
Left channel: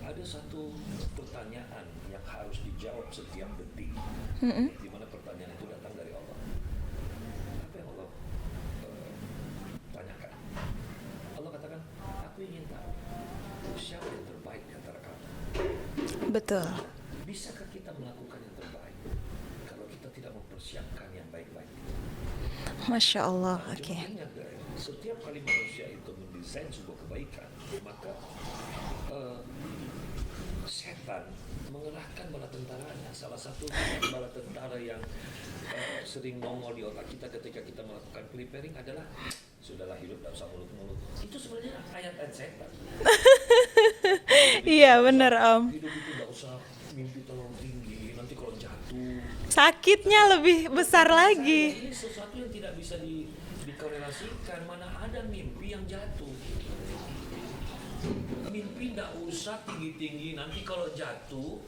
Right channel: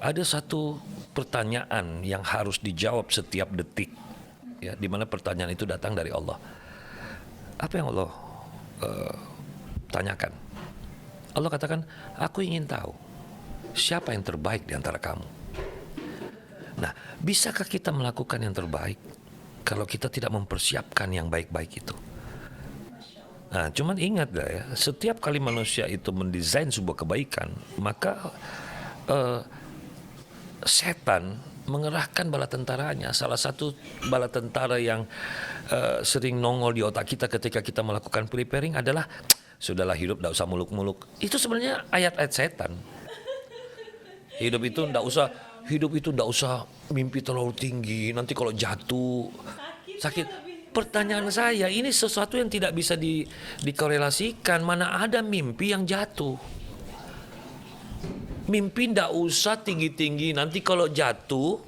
Ada satu pertanyaan yang harus dijawab setiap detik, ya, di mana pertanyaan itu datang dari Allah. Apa yang Allah tanyakan? Allah katakan, aku ingin tahu siapa yang terbaik di antara kamu. Betul. Nah, bisakah kita melakukan yang terbaik kalau kita tidak mempersiapkan yang baik-baik itu? Masya Allah. Nah, Oke. cuman ingat dah ya, setiap kali manusia itu mendesain sebuah kebaikan, maka setan mengerahkan bala tentaranya. Salah satu bala tentara yang sering nongol di otak kita ketika kita melakukan preparing adalah, sudahlah hidup, tidak usah muluk-muluk. Itu sebenarnya ayat-ayat setan. Hidup itu Iya, nggak usah, benar, Om. hidup itu tidak usah mimpi terlalu tinggi. Nanti kalau jatuh, Sakitnya sakit. lebih besar Pertanyaan lagi. saya, ini sesuatu yang tidak bisa dikorelasikan. Mana ada mimpi yang jatuh? Mimpi ndak usah tinggi-tinggi. Nanti kalau jatuh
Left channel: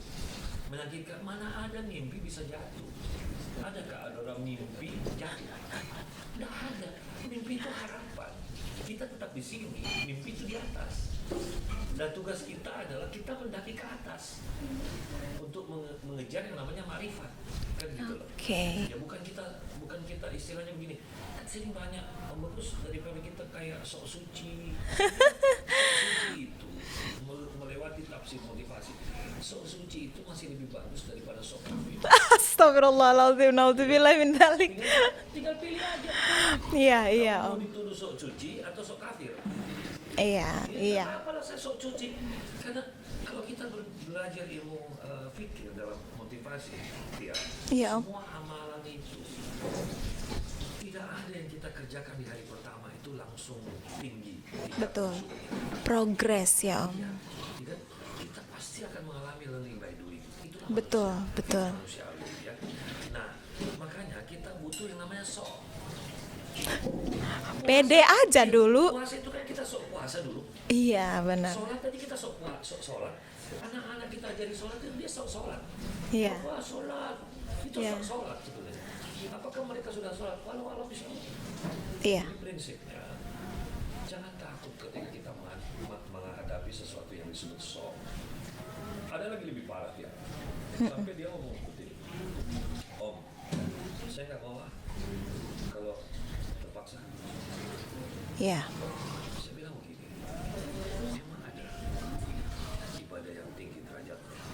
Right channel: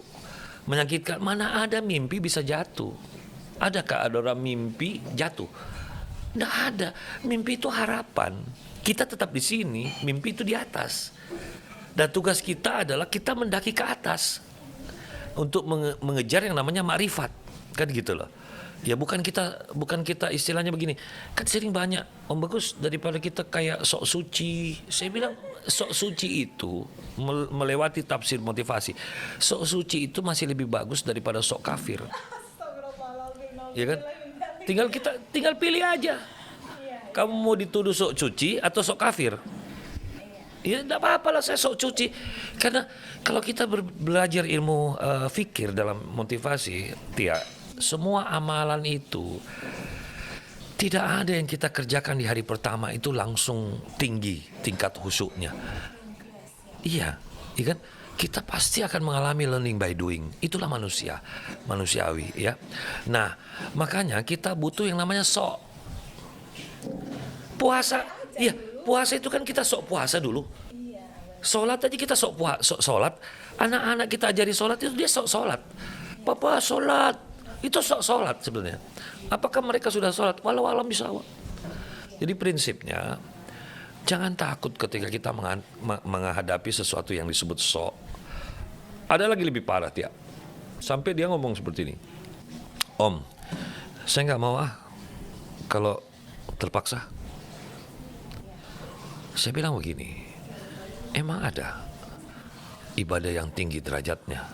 menyakitkan. Mana ada mimpi bisa jatuh? Adakah ada orang mimpi jatuh? Ndak ada. Mimpi itu harapan. Kita tetap di sini, mimpi itu di atas. Dan tugas kita adalah kita mendaki ke atas untuk mengejar yang namanya makrifat, kan gitu loh. Oke. Ya bukan kita istilahnya begini. Kan sering banyak Om Bagus, daripada kita kayak sok suci. Saya bilang sok suci itu melewati tafsir motivasi. Sok suci itu masih lebih bagus daripada sok kafir. Astagfirullahaladzim, Ya naudzubillah kan? min dzalik. Tinggal pilih aja. Iya, iya. Kamu mau dituduh sok suci atau sok kafir? Iya. Ya enggak apa-apa lah saya sok cuci. Karena kalau kita belajar ilmu fikir dalam motivasi, Tia, Iya. semua amalan itu tidak ada yang kita kerjakan di hari pertama itu langsung tinggi tingkat Betul. khusyuknya. Progres ya Om. Iya, iya kan? Kita pasti akan mengalami learning by doing. Itulah Betul, manusia, betul. manusiawi, ya. Nah, makanya kita butuh yang namanya sok. Pede aja dulu. Puasa itu kan kita sok puasa dulu. Iya, benar. Sholat aja kita sok sholat. Anak-anak kita ajari sholat itu dia sok sholat. Iya. Papa sholat. Itu sok sholat sebenarnya. Apakah mereka sudah sholat? Walau alam bisawab. Iya. Jadi prinsipnya, jangan takut ketika kita menghadapi sesuatu yang disebut sok. Ada lagi lebih parah, Tia. Sampai dia ngomong seperti ini. Om, saya nggak mau kalau terpaksa. Iya. Saya bilang begini, emang ada ibadah yang tinggi derajatnya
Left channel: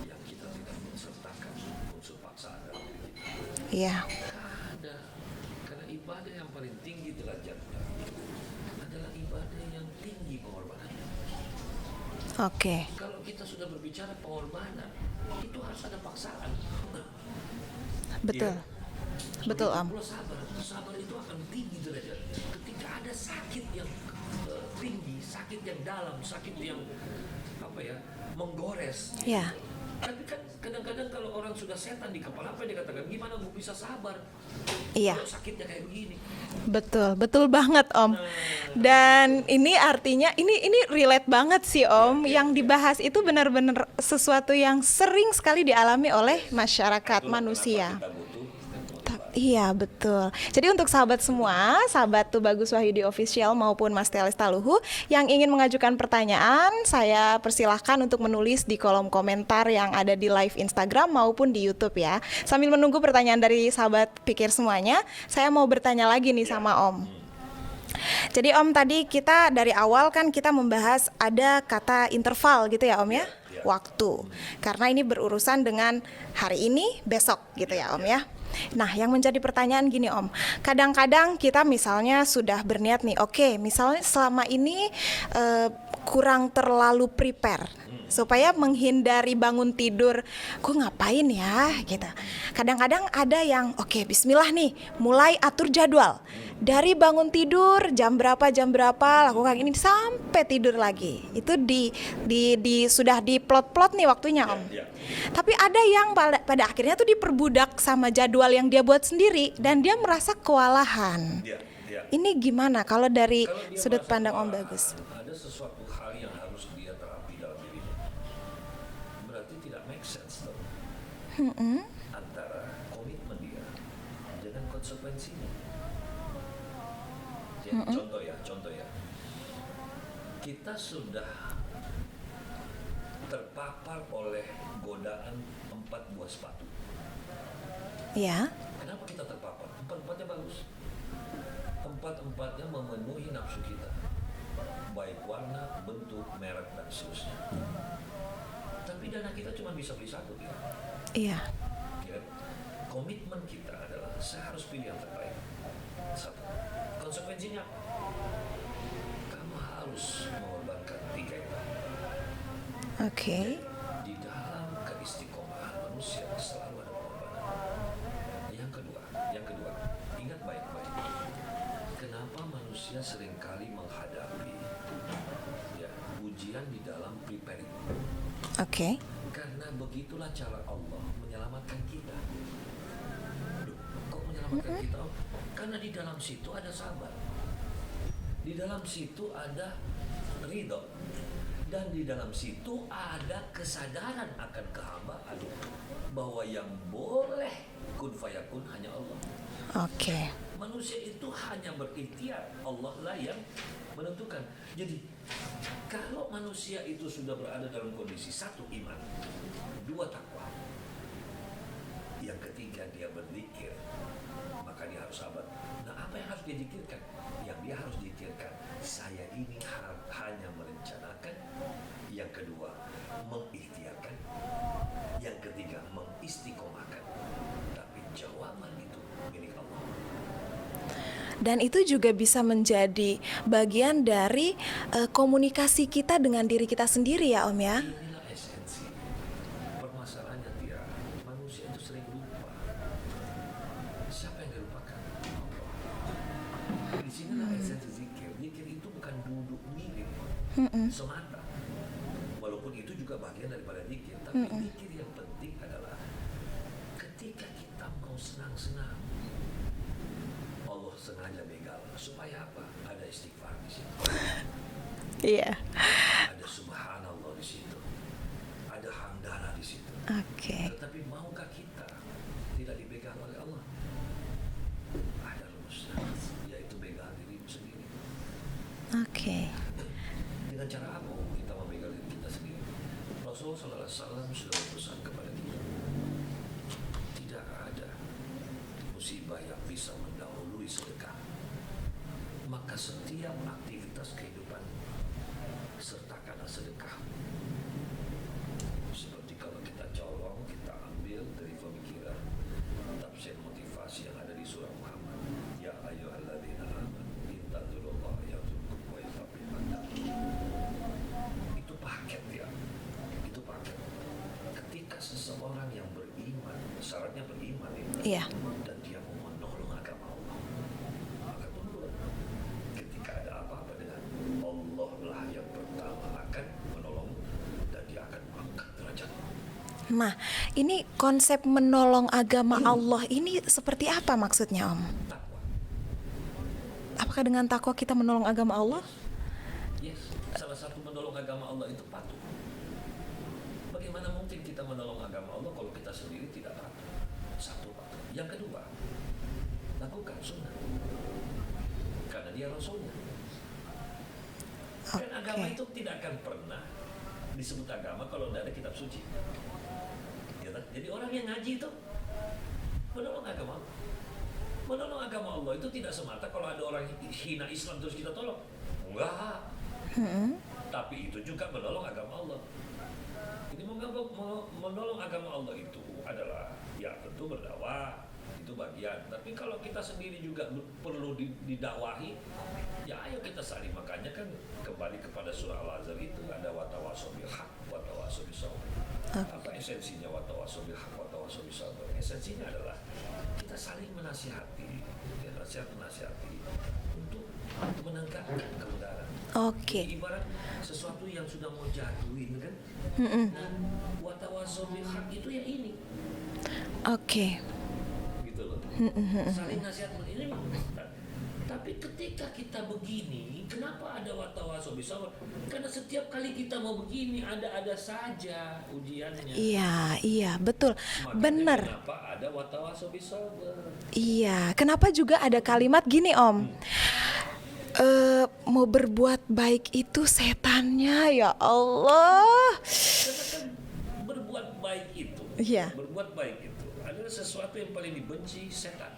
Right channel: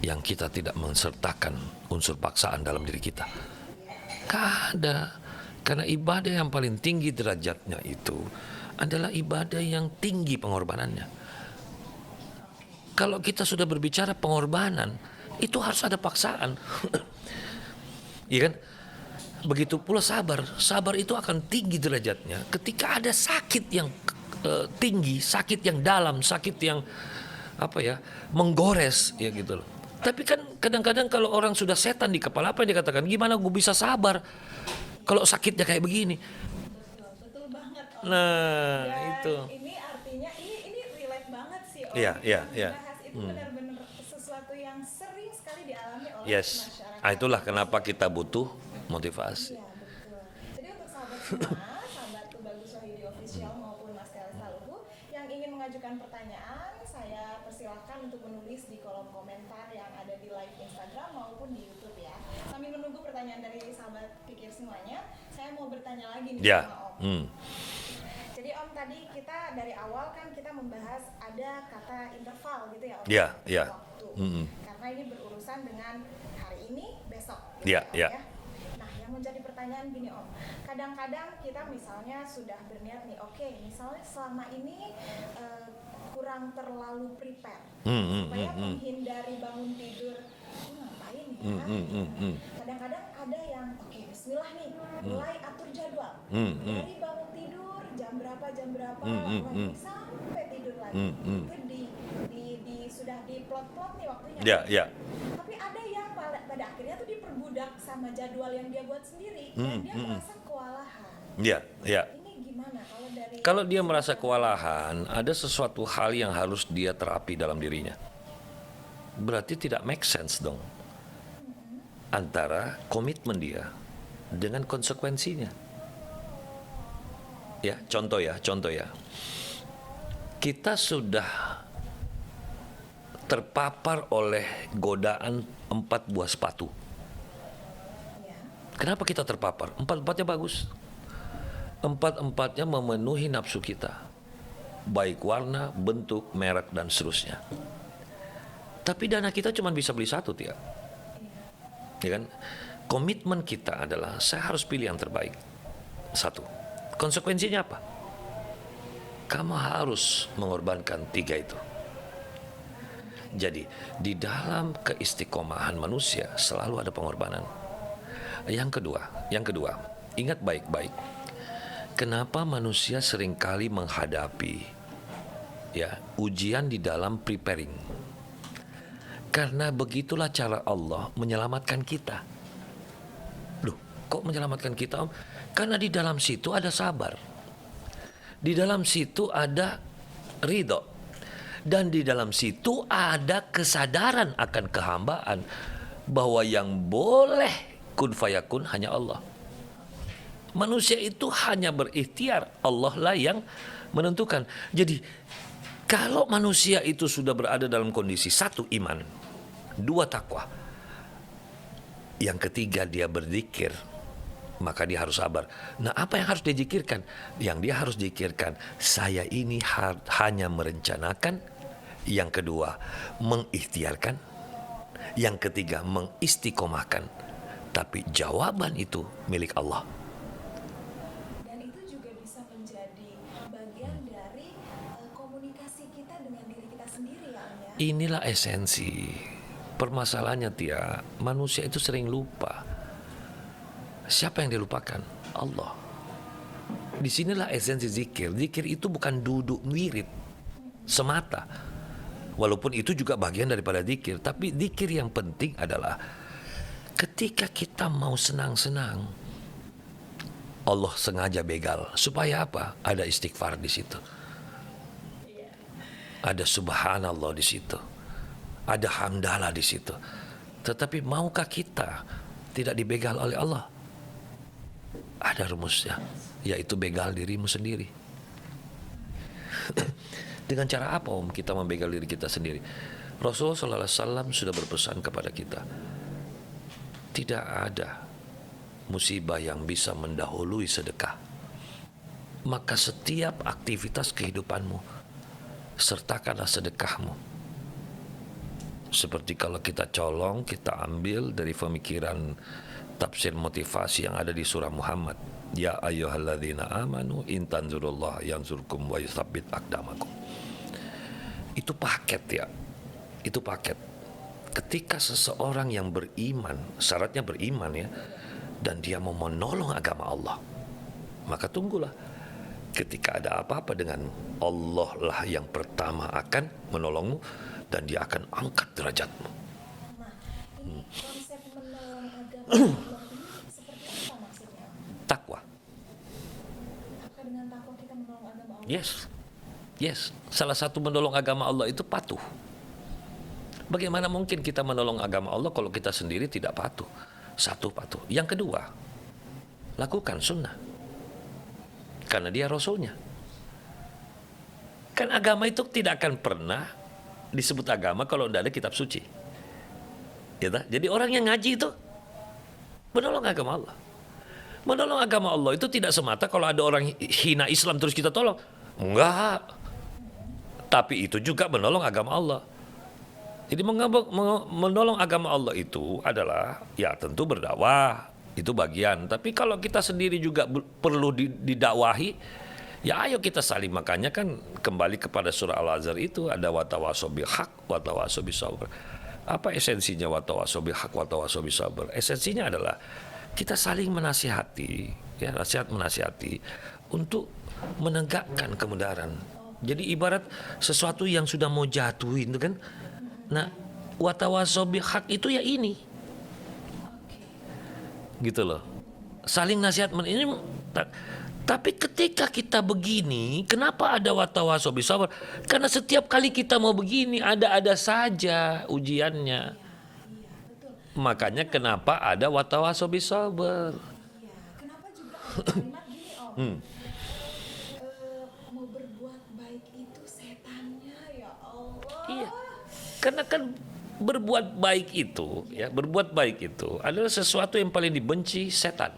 yang kita tidak mensertakan unsur paksaan dalam diri kita? Iya. Gak ada. Karena ibadah yang paling tinggi derajatnya itu adalah ibadah yang tinggi pengorbanannya. Oke. Kalau kita sudah berbicara pengorbanan, itu harus ada paksaan. Betul. Iya kan? Begitu Om. pula sabar. Sabar itu akan tinggi derajatnya ketika ada sakit yang tinggi, sakit yang dalam, sakit yang menggores ya Iya. gitu loh. Tapi kan kadang-kadang kalau orang sudah setan di kepala, apa yang dikatakan? Gimana gue bisa sabar Iya. kalau sakitnya kayak begini? Betul, betul banget Om. Nah, Dan itu. ini artinya ini relate banget sih Om. Iya, iya, Yang iya. dibahas itu benar-benar sesuatu yang sering sekali dialami oleh Yes. masyarakat Itulah manusia. kenapa kita butuh motivasi. Iya betul. Jadi untuk sahabat semua, sahabat Tuh Bagus Wahyudi Official maupun Mas Telis Taluhu yang ingin mengajukan pertanyaan, saya persilahkan untuk menulis di kolom komentar yang ada di live Instagram maupun di YouTube ya. Sambil menunggu pertanyaan dari sahabat pikir semuanya, saya mau bertanya lagi nih Ya. sama Om. Jadi Om tadi kita dari awal kan kita membahas ada kata interval gitu ya Om ya, Ya, ya. waktu. Karena ini berurusan dengan hari ini, besok gitu Ya, ya Om ya. ya. Nah, yang menjadi pertanyaan gini Om, kadang-kadang kita misalnya sudah berniat nih, oke, misalnya selama ini kurang terlalu prepare supaya menghindari bangun tidur, gue ngapain ya gitu. Kadang-kadang ada yang oke, bismillah nih, mulai atur jadwal dari bangun tidur jam berapa lakukan gini sampai tidur lagi. Itu sudah diplot-plot nih waktunya Ya, Om. ya. Tapi ada yang pada akhirnya tuh diperbudak sama jadwal yang dia buat sendiri dan dia merasa kewalahan. Ya, ya. Ini gimana kalau dari Kalau dia sudut merasa pandang Om Bagus? kewalahan, ada sesuatu hal yang harus dia terapi dalam dirinya. Berarti tidak make sense dong. Antara komitmen dia dengan konsekuensinya. Ya, contoh ya. Kita sudah terpapar oleh godaan 4 buah sepatu. Ya, Kenapa kita terpapar? 4-4-nya bagus. 4-4-nya memenuhi nafsu kita. Baik warna, bentuk, merek, dan seterusnya. Tapi dana kita cuma bisa beli satu, Tia. iya, Ya kan? Komitmen kita adalah saya harus pilih yang terbaik. Satu. Konsekuensinya apa? Kamu harus mengorbankan 3 itu. oke. Jadi di dalam keistiqomahan manusia selalu ada pengorbanan. Yang kedua, ingat baik-baik. Kenapa manusia seringkali menghadapi ujian di dalam preparing? Oke. Karena begitulah cara Allah menyelamatkan kita. Loh, kok menyelamatkan kita, Om? Karena di dalam situ ada sabar. Di dalam situ ada ridho. Dan di dalam situ ada kesadaran akan kehambaan bahwa yang boleh kun fayakun hanya Allah. Oke. Manusia itu hanya berikhtiar, Allah lah yang menentukan. Jadi kalau manusia itu sudah berada dalam kondisi 1 iman, 2 takwa, yang ketiga dia berzikir, maka dia harus sabar. Nah, apa yang harus dia zikirkan? Yang dia harus zikirkan, saya ini hanya merencanakan. Yang kedua, mengikhtiarkan. Yang ketiga, mengistiqomahkan. Tapi jawaban itu milik Allah. Dan itu juga bisa menjadi bagian dari komunikasi kita dengan diri kita sendiri ya Om ya. Inilah esensi. Permasalahannya, Tia, manusia itu sering lupa. Siapa yang dilupakan? Allah. Disinilah esensi zikir. Zikir itu bukan duduk wirid semata. Walaupun itu juga bagian daripada zikir. Tapi zikir yang penting adalah ketika kita mau senang-senang, Allah sengaja begal. Supaya apa? Ada istighfar di situ. Iya. Ada subhanallah di situ. Ada hamdalah di situ. Oke. Tetapi maukah kita tidak dibegal oleh Allah? Ada rumusnya, yaitu begal dirimu sendiri. Oke. Dengan cara apa Om kita membegal diri kita sendiri? Rasulullah SAW sudah berpesan kepada kita, tidak ada musibah yang bisa mendahului sedekah. Maka setiap aktivitas kehidupanmu sertakanlah sedekahmu. Seperti kalau kita colong, kita ambil dari pemikiran tafsir motivasi yang ada di surah Muhammad. Ya ayyuhalladzina amanu in tanzurullah yanzurkum wa yutsabbit aqdamakum. Itu paket ya. Itu paket. ketika seseorang yang beriman, syaratnya beriman ya, Iya. dan dia mau menolong agama Allah, maka tunggulah. Ketika ada apa-apa dengan Allah lah yang pertama akan menolongmu dan dia akan angkat derajatmu. Nah, ini konsep menolong agama Allah ini seperti apa maksudnya, Om? Takwa. Apakah dengan takwa kita menolong agama Allah? Yes. Salah satu menolong agama Allah itu patuh. Bagaimana mungkin kita menolong agama Allah kalau kita sendiri tidak patuh? Satu, patuh. Yang kedua, lakukan sunnah. Karena dia rasulnya. Kan agama itu tidak akan pernah disebut agama kalau tidak ada kitab suci. Ya tak? Jadi orang yang ngaji itu menolong agama Allah. Menolong agama Allah itu tidak semata kalau ada orang hina Islam terus kita tolong. Enggak. Tapi itu juga menolong agama Allah. Jadi menolong agama Allah itu adalah ya tentu berdakwah, itu bagian. Tapi kalau kita sendiri juga perlu didakwahi, ya ayo kita saling. Makanya kan kembali kepada surah Al-Azhar itu ada watawasaw bil haq, watawasaw bis sabr. Apa esensinya watawasaw bil haq, watawasaw bis sabr? Esensinya adalah kita saling menasihati, ya nasihat menasihati untuk menegakkan kebenaran. Jadi ibarat sesuatu yang sudah mau jatuhin itu kan. Nah, watawasaw bil haq itu ya ini. Gitu loh. Saling nasihat ini. Tapi ketika kita begini, kenapa ada watawasaw bis sabr? Karena setiap kali kita mau begini ada saja ujiannya. Iya, betul. Makanya Benar. kenapa ada watawasaw bis sabr? Iya, kenapa juga ada kalimat gini, Om? Mau berbuat baik itu setannya, ya Allah. Karena kan berbuat baik itu, berbuat baik itu adalah sesuatu yang paling dibenci setan.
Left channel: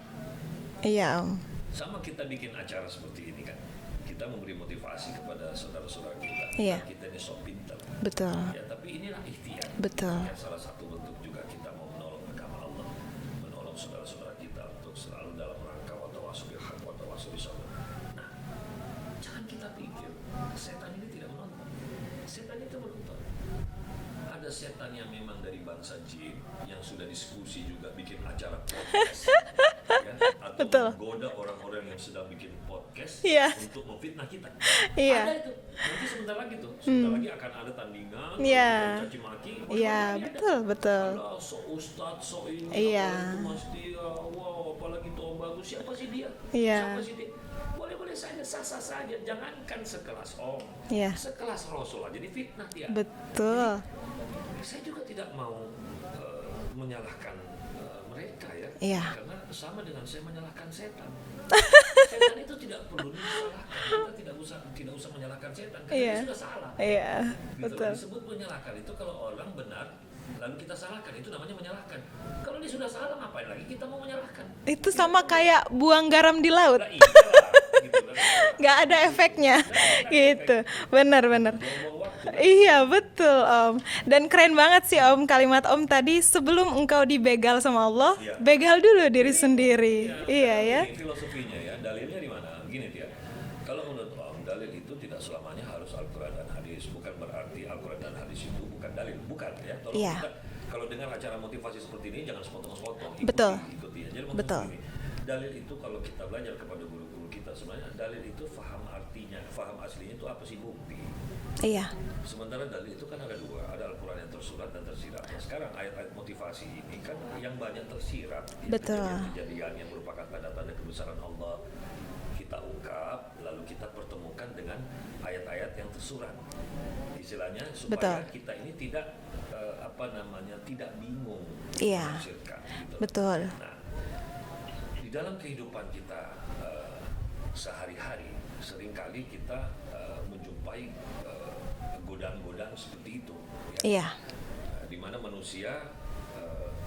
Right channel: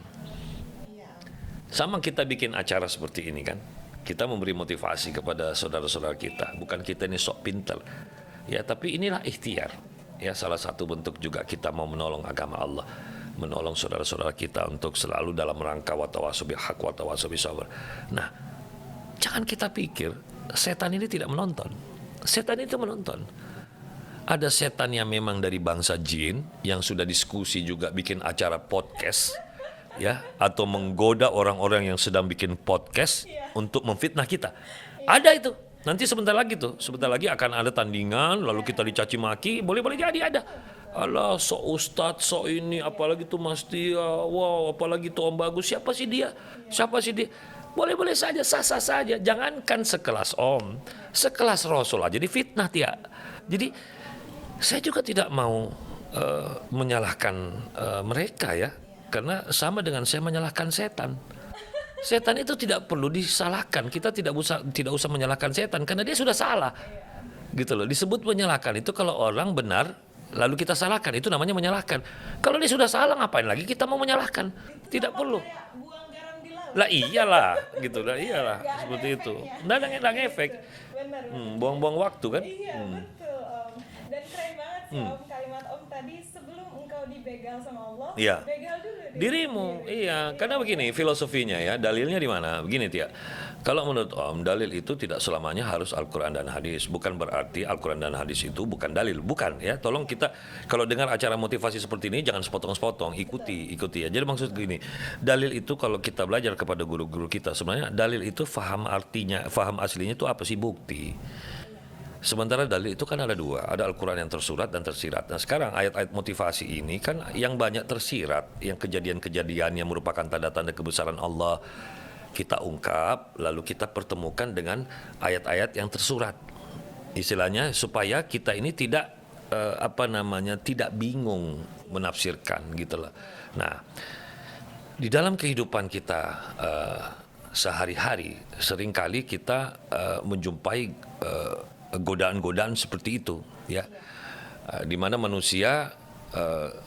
Iya, Om. Sama kita bikin acara seperti ini kan, kita memberi motivasi kepada saudara-saudara kita. Bukan kita ini sok pintar. Betul. Ya, tapi inilah ikhtiar. Betul. Ya, salah satu bentuk juga kita mau menolong agama Allah, menolong saudara-saudara kita untuk selalu dalam rangka watawasaw bil haq, watawasaw bis sabr. Nah, jangan kita pikir setan ini tidak menonton. Setan itu menonton. Ada setan yang memang dari bangsa jin yang sudah diskusi juga bikin acara podcast ya, atau menggoda orang-orang yang sedang bikin podcast untuk memfitnah kita. Ada itu. Nanti sebentar lagi lagi akan ada tandingan lalu kita dicaci maki, boleh jadi ada. Betul. Alah, so ustadz, so ini apalagi tuh Mas Tia, wow, apalagi tuh Om Bagus, siapa sih dia? Siapa sih dia? Boleh-boleh saja, sah-sah saja. Jangankan sekelas Om, sekelas Rasul aja difitnah Tia. Betul. Jadi saya juga tidak mau menyalahkan mereka ya, karena sama dengan saya menyalahkan setan. Setan itu tidak perlu disalahkan. Kita tidak usah menyalahkan setan karena dia sudah salah. Gitu loh. Disebut menyalahkan itu kalau orang benar lalu kita salahkan, itu namanya menyalahkan. Kalau dia sudah salah, ngapain lagi kita mau menyalahkan? Itu Tidak sama perlu. kayak buang garam di laut. Lah iyalah, gitu lah, iyalah. Nggak ada Begitu. efeknya. Nggak Gitu. efek. Benar. Buang-buang waktu kan? Iya, betul, Om. Dan keren banget sih, Om, kalimat Om tadi, sebelum engkau dibegal sama Allah, begal dulu diri Dirimu, sendiri. Karena begini filosofinya ya, dalilnya di mana? Begini Tia. Kalau menurut Om, dalil itu tidak selamanya harus Al-Quran dan hadis. Bukan berarti Al-Quran dan hadis itu bukan dalil. Bukan ya. Tolong kita, kalau dengar acara motivasi seperti ini, jangan sepotong-sepotong. Ikuti ya. Jadi maksud ini, dalil itu kalau kita belajar kepada guru-guru kita, sebenarnya dalil itu faham artinya, faham aslinya itu apa sih? Bukti. Iya. Sementara dalil itu kan ada dua, ada Al-Quran yang tersurat dan tersirat. Nah sekarang ayat-ayat motivasi ini kan yang banyak tersirat, yang kejadian-kejadian yang merupakan tanda-tanda kebesaran Allah, kita ungkap, lalu kita pertemukan dengan ayat-ayat yang tersurat. Istilahnya supaya kita ini tidak tidak bingung menafsirkan gitu loh. Nah, di dalam kehidupan kita sehari-hari seringkali kita menjumpai godaan-godaan seperti itu ya. Di mana manusia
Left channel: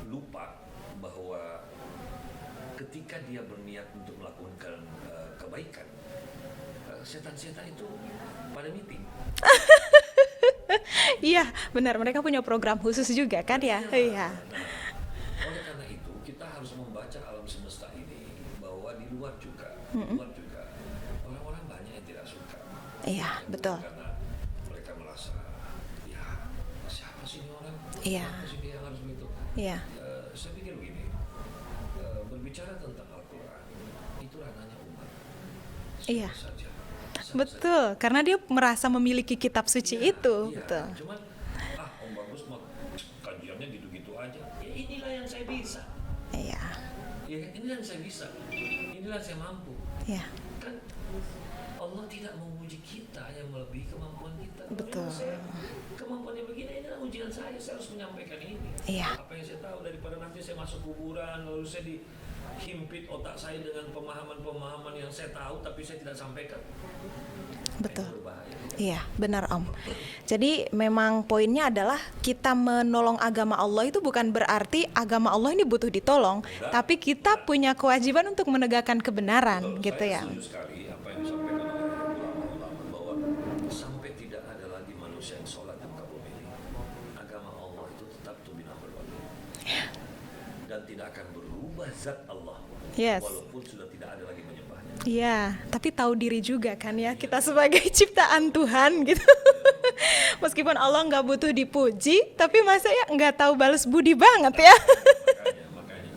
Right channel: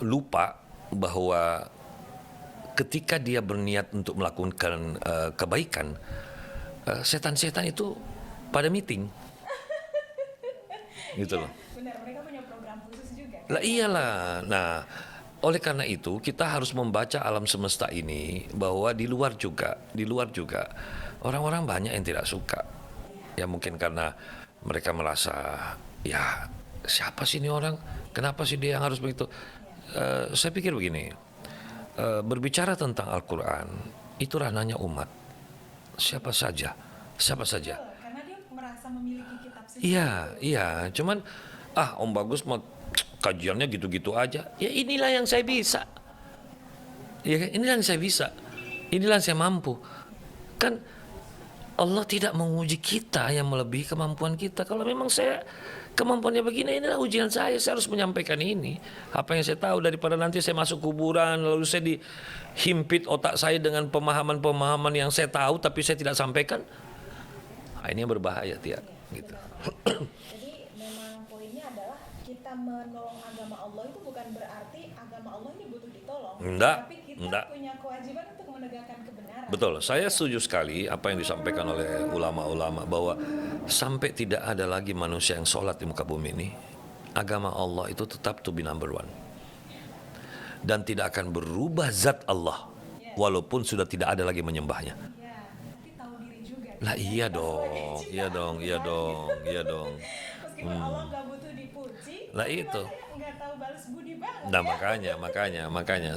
lupa bahwa ketika dia berniat untuk melakukan kebaikan, setan-setan itu pada meeting. Gitu. Iya, benar. Mereka punya program khusus juga kan ya. Iyalah. Nah, oleh karena itu kita harus membaca alam semesta ini bahwa di luar juga orang-orang banyak yang tidak suka. Ya mungkin karena mereka merasa ya siapa sih ini orang? Iya. Kenapa sih dia yang harus begitu? Iya. Saya pikir begini, berbicara tentang Al-Quran itu ranahnya umat, siapa Iya. saja, siapa saja. Betul, karena dia merasa memiliki kitab suci itu. Iya, Betul. cuman Om Bagus mau kajiannya gitu-gitu aja. Ya inilah yang saya bisa. Iya. Ya kan? Inilah yang saya bisa. Inilah yang saya mampu. Iya. Kan Allah tidak menguji kita yang melebihi kemampuan kita. Kalau memang saya kemampuannya begini, inilah ujian saya harus menyampaikan ini. Iya. Apa yang saya tahu, daripada nanti saya masuk kuburan lalu saya dihimpit otak saya dengan pemahaman-pemahaman yang saya tahu tapi saya tidak sampaikan. Nah, ini yang berbahaya, Tia. Iya, benar Om. Jadi memang poinnya adalah kita menolong agama Allah itu bukan berarti agama Allah ini butuh ditolong, Enggak, tapi kita enggak. punya kewajiban untuk menegakkan kebenaran. Betul, gitu saya ya. setuju sekali apa yang disampaikan oleh ulama-ulama bahwa sampai tidak ada lagi manusia yang sholat di muka bumi ini, agama Allah itu tetap to be number one. Dan tidak akan berubah zat Allah, Yes. walaupun sudah tidak ada lagi menyembahnya. Iya, tapi tahu diri juga kan Nah, ya, iya kita dong, sebagai iya ciptaan dong, Tuhan iya dong, gitu. iya dong. Meskipun Allah nggak butuh dipuji, Nah, tapi itu. masa ya nggak tahu balas budi banget Nah, ya. makanya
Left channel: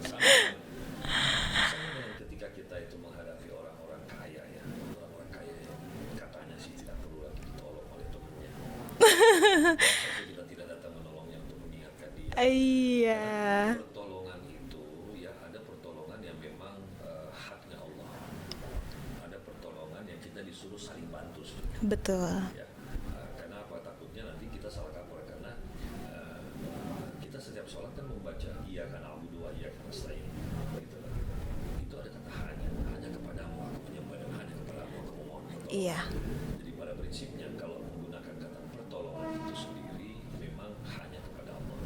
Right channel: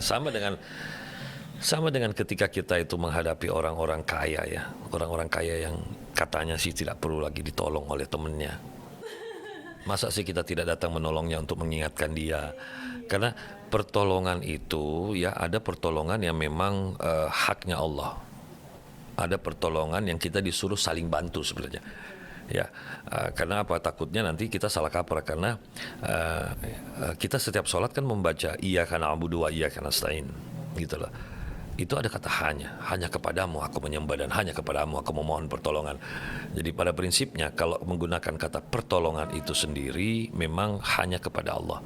sama dengan ketika kita itu menghadapi orang-orang kaya ya, orang-orang kaya yang katanya sih tidak perlu lagi ditolong oleh temennya. Masa sih kita tidak datang menolongnya untuk mengingatkan dia? Iya. Karena pertolongan itu ya ada pertolongan yang memang haknya Allah. Ada pertolongan yang kita disuruh saling bantu sebenarnya. Betul. Ya, karena apa? Takutnya nanti kita salah kaprah karena kita setiap sholat kan membaca iyyaka na'budu wa iyyaka nasta'in, gitu loh. Itu ada kata hanya kepadamu aku menyembah dan hanya kepadamu aku memohon pertolongan. Jadi pada prinsipnya kalau menggunakan kata pertolongan itu sendiri memang hanya kepada Allah.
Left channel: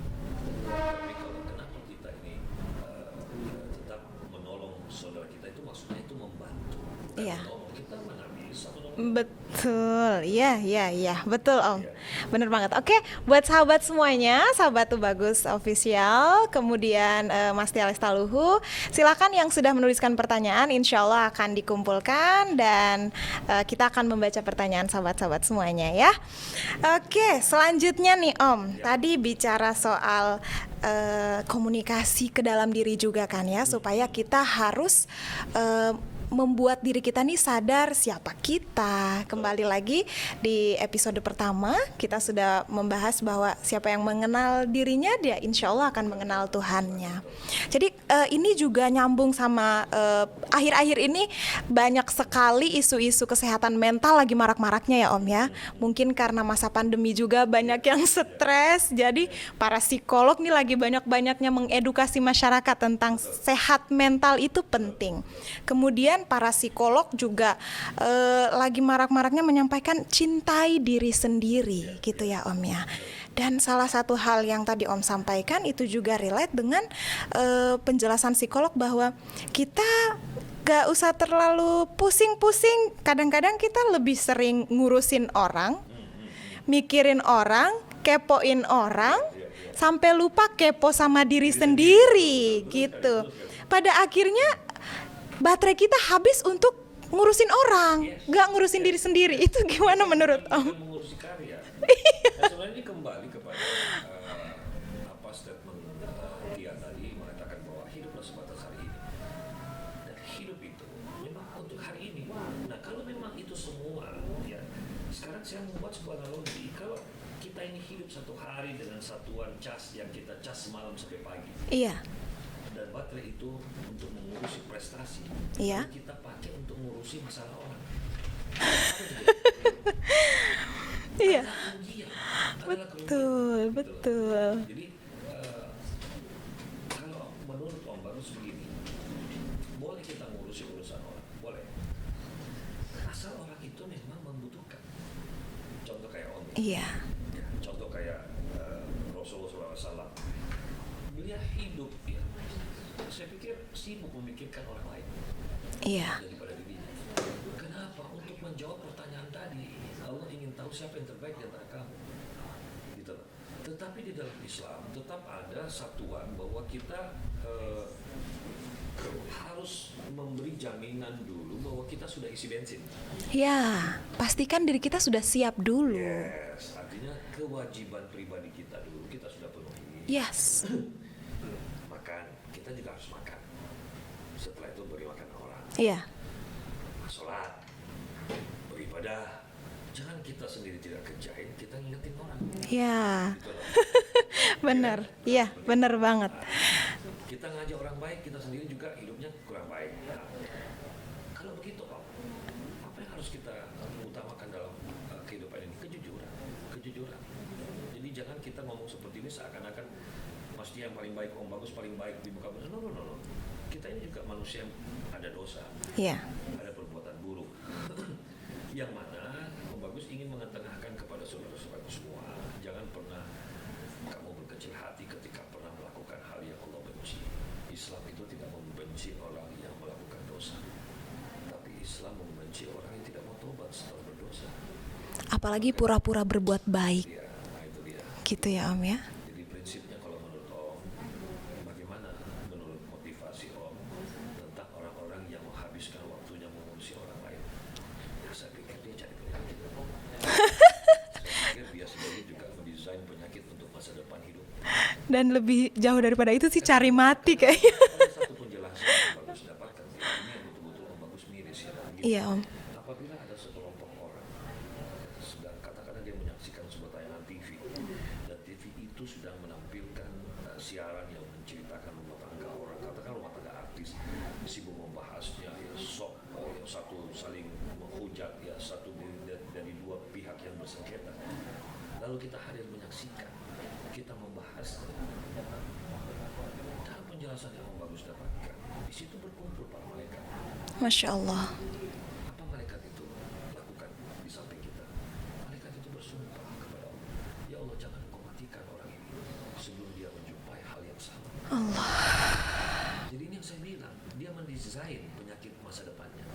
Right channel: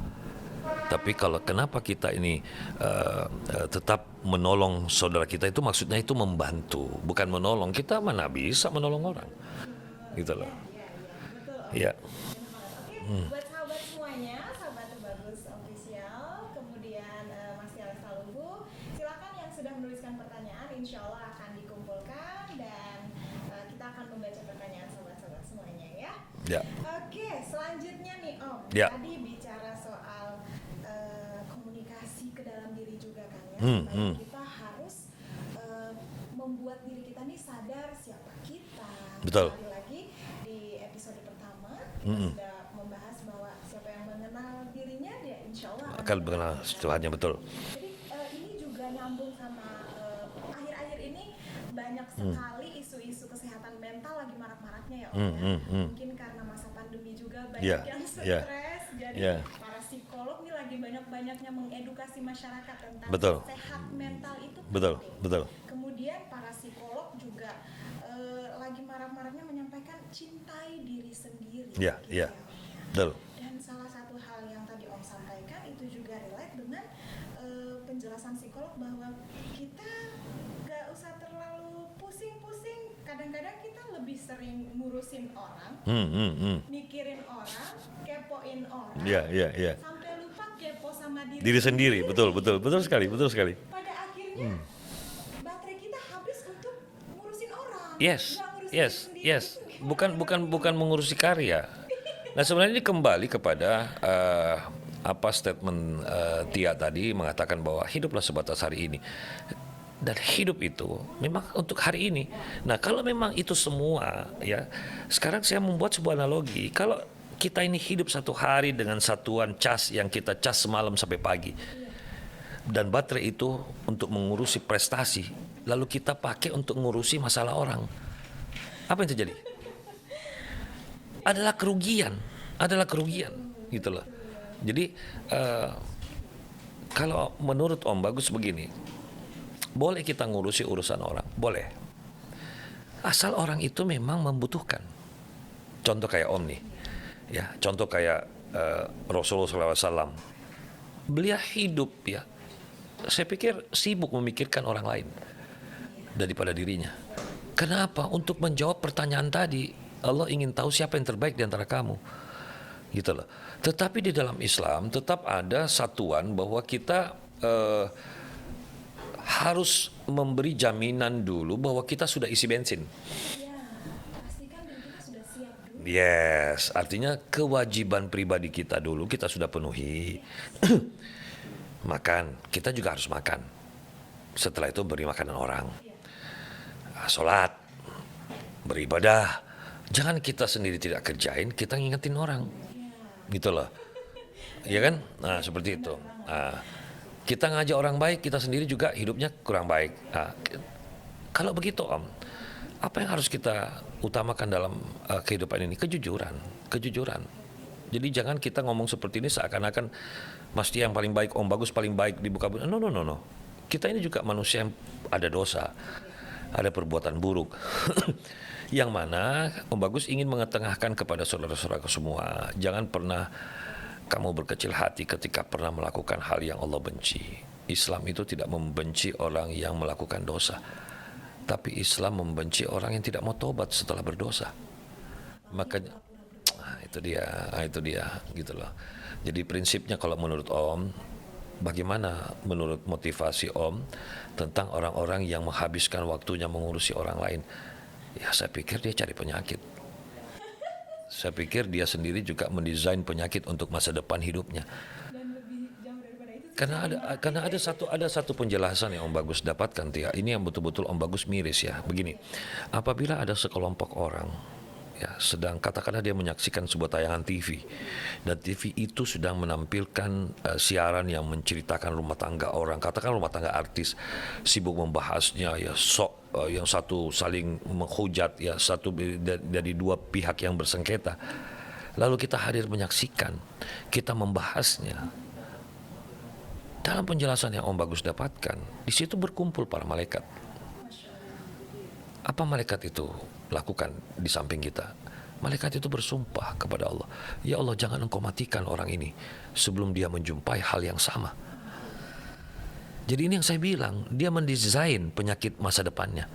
Tapi kalau kenapa kita ini tetap menolong saudara kita itu maksudnya itu membantu, bukan Iya. menolong. Kita mana bisa menolong orang. Betul, Gitu. iya, betul Om. Iya. Bener banget. Oke, buat sahabat semuanya, sahabat Tuh Bagus Official, kemudian Mas Tia Lestaluhu, silakan yang sudah menuliskan pertanyaan, insya Allah akan dikumpulkan dan kita akan membaca pertanyaan sahabat-sahabat semuanya ya. Ya. Oke, selanjutnya nih Om, Ya. tadi bicara soal komunikasi ke dalam diri juga kan ya, supaya kita harus membuat diri kita nih sadar siapa kita. Betul. Kembali lagi di episode pertama kita sudah membahas bahwa siapa yang mengenal dirinya dia insya Allah akan mengenal Tuhannya. Tuhannya, betul. Jadi ini juga nyambung sama akhir-akhir ini banyak sekali isu-isu kesehatan mental lagi marak-maraknya ya Om ya. Mungkin karena masa pandemi juga banyak Yeah, yang stres. Jadi para psikolog nih lagi banyak-banyaknya mengedukasi masyarakat tentang Betul. sehat mental itu Betul, penting. betul. Kemudian para psikolog juga lagi marak-maraknya menyampaikan cintai diri sendiri Ya, gitu ya. ya Om ya. Betul. Dan salah satu hal yang tadi Om sampaikan itu juga relate dengan penjelasan psikolog bahwa kita gak usah terlalu pusing-pusing. Kadang-kadang kita lebih sering ngurusin orang, mikirin orang, kepoin orang, Iya. sampai lupa kepo sama diri Diri sendiri. sendiri. Betul gitu. sekali, betul sekali. Pada akhirnya baterai kita habis untuk ngurusin orang, nggak ngurusin diri sendiri. yes. Itu gimana menurut Om? bukan mengurusi karya. Nah, sebenarnya ini kembali kepada apa statement Tia tadi mengatakan bahwa hiduplah sebatas hari ini. Dan hidup itu memang untuk hari ini. Nah, kalau memang itu semua ya, sekarang saya membuat sebuah analogi. Kalau kita ini hidup satu hari dengan satuan cas yang kita cas semalam sampai pagi. Iya. Dan baterai itu untuk mengurusi prestasi, Iya. lalu kita pakai untuk mengurusi masalah orang. Apa yang terjadi? Iya. Adalah kerugian, gitu loh. Betul. Jadi kalau menurut Om Bagus begini, boleh kita ngurusi urusan orang, boleh. Asal orang itu memang membutuhkan. Contoh kayak Om nih, Iya. ya. Contoh kayak Rasulullah SAW. Beliau hidup ya. Saya pikir sibuk memikirkan orang lain Iya. daripada dirinya. Kenapa? Untuk menjawab pertanyaan tadi, Allah ingin tahu siapa yang terbaik di antara kamu. Gitu loh. Tetapi di dalam Islam tetap ada satuan bahwa kita harus memberi jaminan dulu bahwa kita sudah isi bensin. Ya, pastikan diri kita sudah siap dulu. Yes, artinya kewajiban pribadi kita dulu kita sudah penuhi. Yes. Makan, kita juga harus makan. Setelah itu beri makanan orang. Iya. Sholat, beribadah. Jangan kita sendiri tidak kerjain, kita ngingetin orang. Ya. Gitu loh. Benar. Iya kan? Nah, Iya, seperti benar itu. banget. Nah, kita ngajak orang baik, kita sendiri juga hidupnya kurang baik. Nah, kalau begitu Om, apa yang harus kita utamakan dalam kehidupan ini? Kejujuran. Jadi jangan kita ngomong seperti ini seakan-akan mesti yang paling baik, Om Bagus paling baik di muka bumi. No. Kita ini juga manusia yang ada dosa, Iya. ada perbuatan buruk. Yang mana Om Bagus ingin mengetengahkan kepada saudara-saudara semua, jangan pernah kamu berkecil hati ketika pernah melakukan hal yang Allah benci. Islam itu tidak membenci orang yang melakukan dosa, tapi Islam membenci orang yang tidak mau tobat setelah berdosa. Apalagi Makanya- pura-pura berbuat baik. Itu dia. Gitu ya, Om ya. Jadi prinsipnya kalau menurut Om, bagaimana menurut motivasi Om tentang orang-orang yang menghabiskan waktunya mengurusi orang lain? Ya saya pikir dia cari penyakit. Saya pikir dia sendiri juga mendesain penyakit untuk masa depan hidupnya. Dan lebih jauh daripada itu sih Karena cari mati karena kayaknya. ada satu penjelasan yang Om Bagus dapatkan, Tia. Ini yang betul-betul Om Bagus miris ya. Begini, Iya, Om. apabila ada sekelompok orang ya sedang katakanlah dia menyaksikan sebuah tayangan TV dan TV itu sedang menampilkan siaran yang menceritakan rumah tangga orang, katakan rumah tangga artis, sibuk membahasnya ya, yang satu saling menghujat ya, satu dari dua pihak yang bersengketa, lalu kita hadir menyaksikan, kita membahasnya. Dalam penjelasan yang Om Bagus dapatkan, di situ berkumpul para malaikat. Masya Allah. Apa malaikat itu lakukan di samping kita? Malaikat itu bersumpah kepada Allah, ya Allah jangan engkau matikan orang ini sebelum dia menjumpai hal yang sama. Jadi ini yang saya bilang, dia mendesain penyakit masa depannya.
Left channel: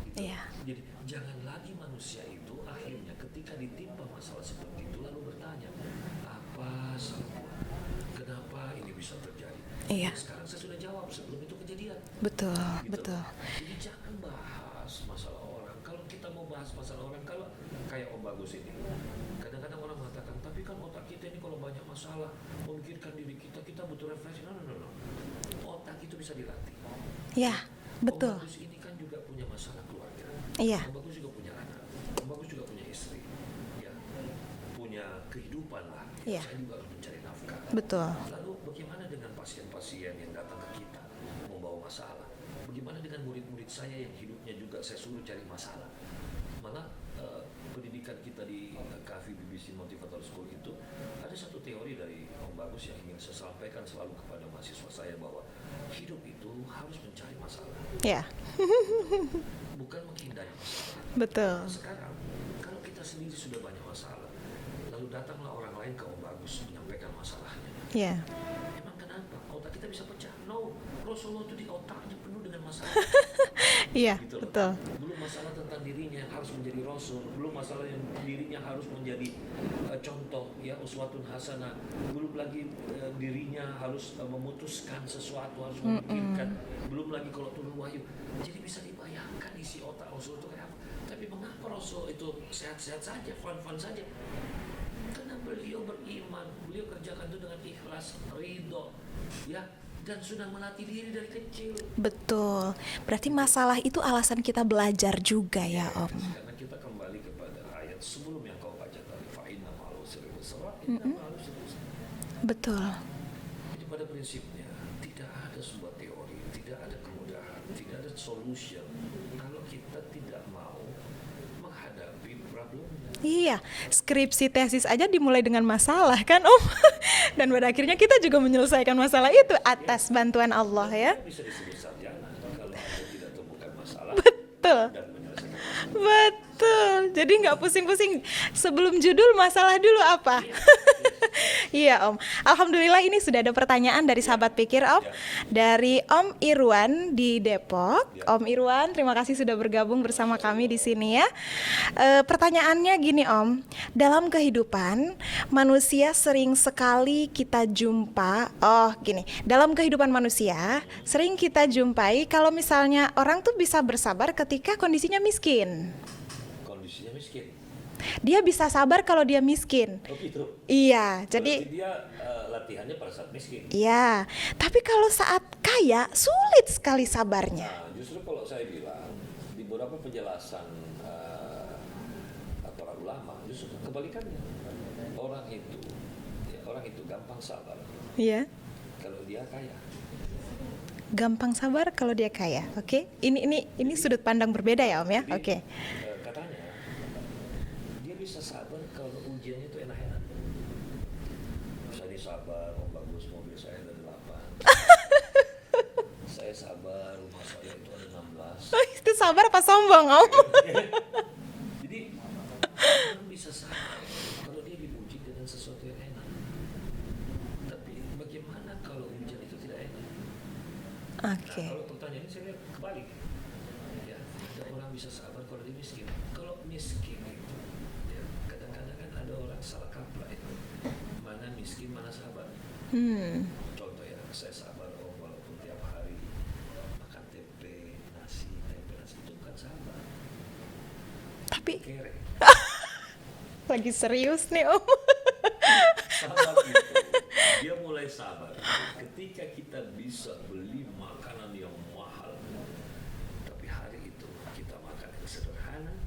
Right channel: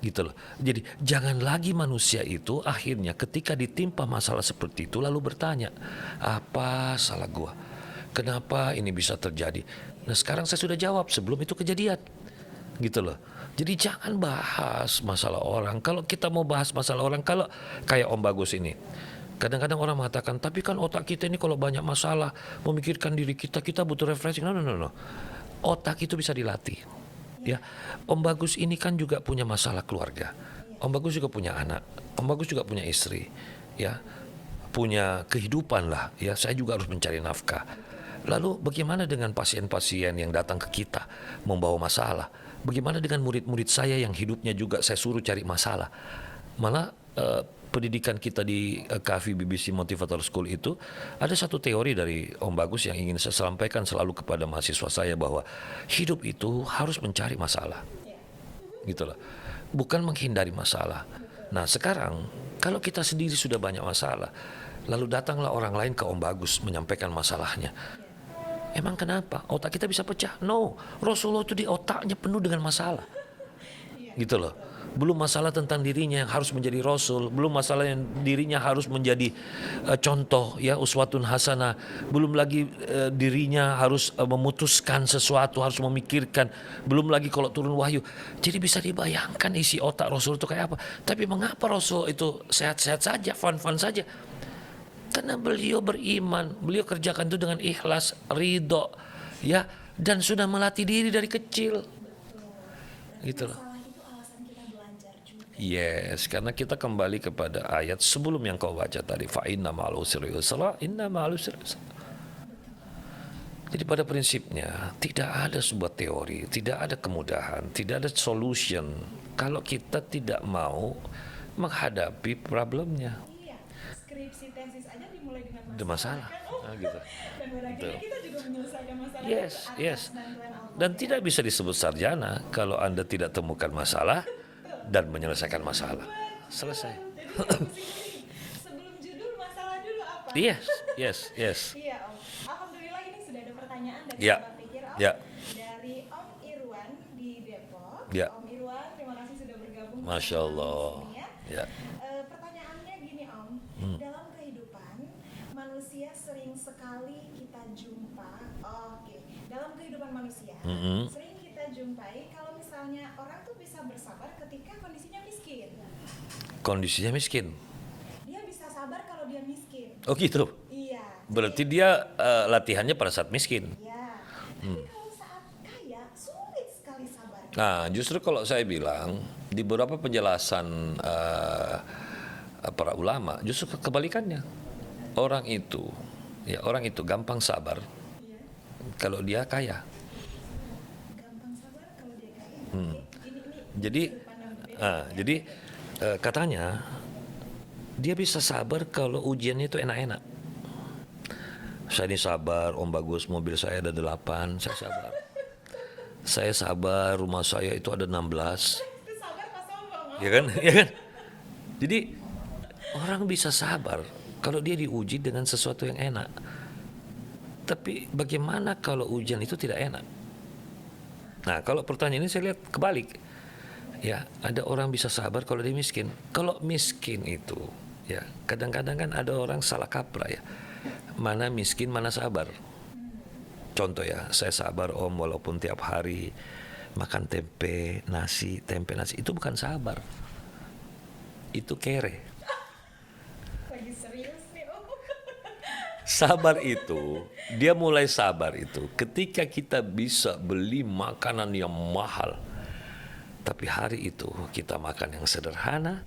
Gitu loh. Jadi jangan lagi manusia itu akhirnya ketika ditimpa masalah seperti itu lalu bertanya, apa salah gua? Kenapa ini bisa terjadi? Iya. Nah sekarang saya sudah jawab sebelum itu kejadian. Betul. Gitu loh. Jadi jangan bahas masalah orang. Kalau kita mau bahas masalah orang, kalau kayak Om Bagus ini, kadang-kadang orang mengatakan, tapi kan otak kita ini kalau banyak masalah, memikirkan diri kita, kita butuh refreshing. No. Otak itu bisa dilatih. Ya, Om betul. Bagus ini kan juga punya masalah keluarga. Iya. Om Bagus juga punya anak. Om Bagus juga punya istri. Ya, punya kehidupan lah. Ya, saya juga harus mencari nafkah. Betul. Lalu bagaimana dengan pasien-pasien yang datang ke kita membawa masalah? Bagaimana dengan murid-murid saya yang hidupnya juga saya suruh cari masalah? Malah pendidikan kita di KAFI BBC Motivator School itu ada satu teori dari Om Bagus yang ingin saya sampaikan selalu kepada mahasiswa saya, bahwa hidup itu harus mencari masalah. Ya. Gitu loh. Bukan menghindari masalah. Betul. Nah sekarang kalau kita sendiri sudah banyak masalah, lalu datanglah orang lain ke Om Bagus menyampaikan masalahnya. Ya. Emang kenapa? Otak kita bisa pecah? No, Rasulullah itu di otaknya penuh dengan masalah. Iya. Gitu loh. Betul. Belum masalah tentang dirinya yang harus menjadi Rasul, belum masalah yang dirinya harus menjadi contoh ya, uswatun hasanah, belum lagi dirinya harus memutuskan sesuatu, harus memikirkan, belum lagi kalau turun wahyu. Jadi bisa dibayangkan isi otak Rasul itu kayak apa. Tapi mengapa Rasul itu sehat-sehat saja, fun-fun saja? Karena beliau beriman, beliau kerjakan itu dengan ikhlas, ridho, ya, dan sudah melatih diri dari kecil. Betul. Berarti Gitu. masalah itu alasan kita belajar juga ya, Om. Yes, karena kita kembali kepada ayat sebelum yang kau baca tadi, fa inna ma'al usri yusra, inna ma'al usri yusra. Betul. Jadi pada prinsipnya tidak ada sebuah teori, tidak ada kemudahan, tidak ada solution kalau kita tidak mau menghadapi problemnya. Iya, skripsi tesis aja dimulai dengan masalah kan Om. Dan pada akhirnya kita juga menyelesaikan masalah itu atas bantuan Allah Dan ya. tidak bisa disebut sarjana kalau Anda tidak temukan masalah. Betul. dan menyelesaikan masalah. Betul. Jadi nggak pusing-pusing. Sebelum judul masalah dulu apa? Iya, yes. Iya Om. Alhamdulillah ini sudah ada pertanyaan dari Ya. sahabat pikir Om. Ya. Dari Om Irwan di Depok. Ya. Om Irwan, terima kasih sudah bergabung bersama Masya kami di Allah. sini ya. Pertanyaannya gini Om, dalam kehidupan manusia sering sekali kita jumpa. Oh gini, dalam kehidupan manusia sering kita jumpai kalau misalnya orang tuh bisa bersabar ketika kondisinya miskin. Kondisinya miskin. Dia bisa sabar kalau dia miskin. Oh gitu. Iya, Berarti jadi dia latihannya pada saat miskin. iya. Tapi kalau saat kaya sulit sekali sabarnya. Nah, justru kalau saya bilang di beberapa penjelasan para ulama, justru kebalikannya. Orang itu gampang sabar Iya. kalau dia kaya. Gampang sabar kalau dia kaya. Oke. Ini Jadi, sudut pandang berbeda ya, Om ya. Jadi Oke. katanya dia bisa sabar kalau ujiannya itu enak-enak. Saya ini sabar, Om Bagus, mobil saya ada 8. Saya sabar, rumah saya itu ada 16. Itu sabar apa sombong, Om? Ya kan? Ya kan? Jadi orang bisa sabar kalau dia diuji dengan sesuatu yang enak. Tapi bagaimana kalau ujian itu tidak enak? Oke. Nah, kalau pertanyaan ini saya lihat kebalik. Ya, ada orang bisa sabar kalau dia miskin. Kalau miskin itu, ya kadang-kadang kan ada orang salah kaprah ya. Mana miskin, mana sabar. Contoh ya, saya sabar Om walaupun tiap hari makan tempe nasi, itu bukan sabar. Itu kere. Lagi serius nih, Om. Sabar itu, dia mulai sabar itu ketika kita bisa beli makanan yang mahal. Tapi hari itu kita makan yang sederhana.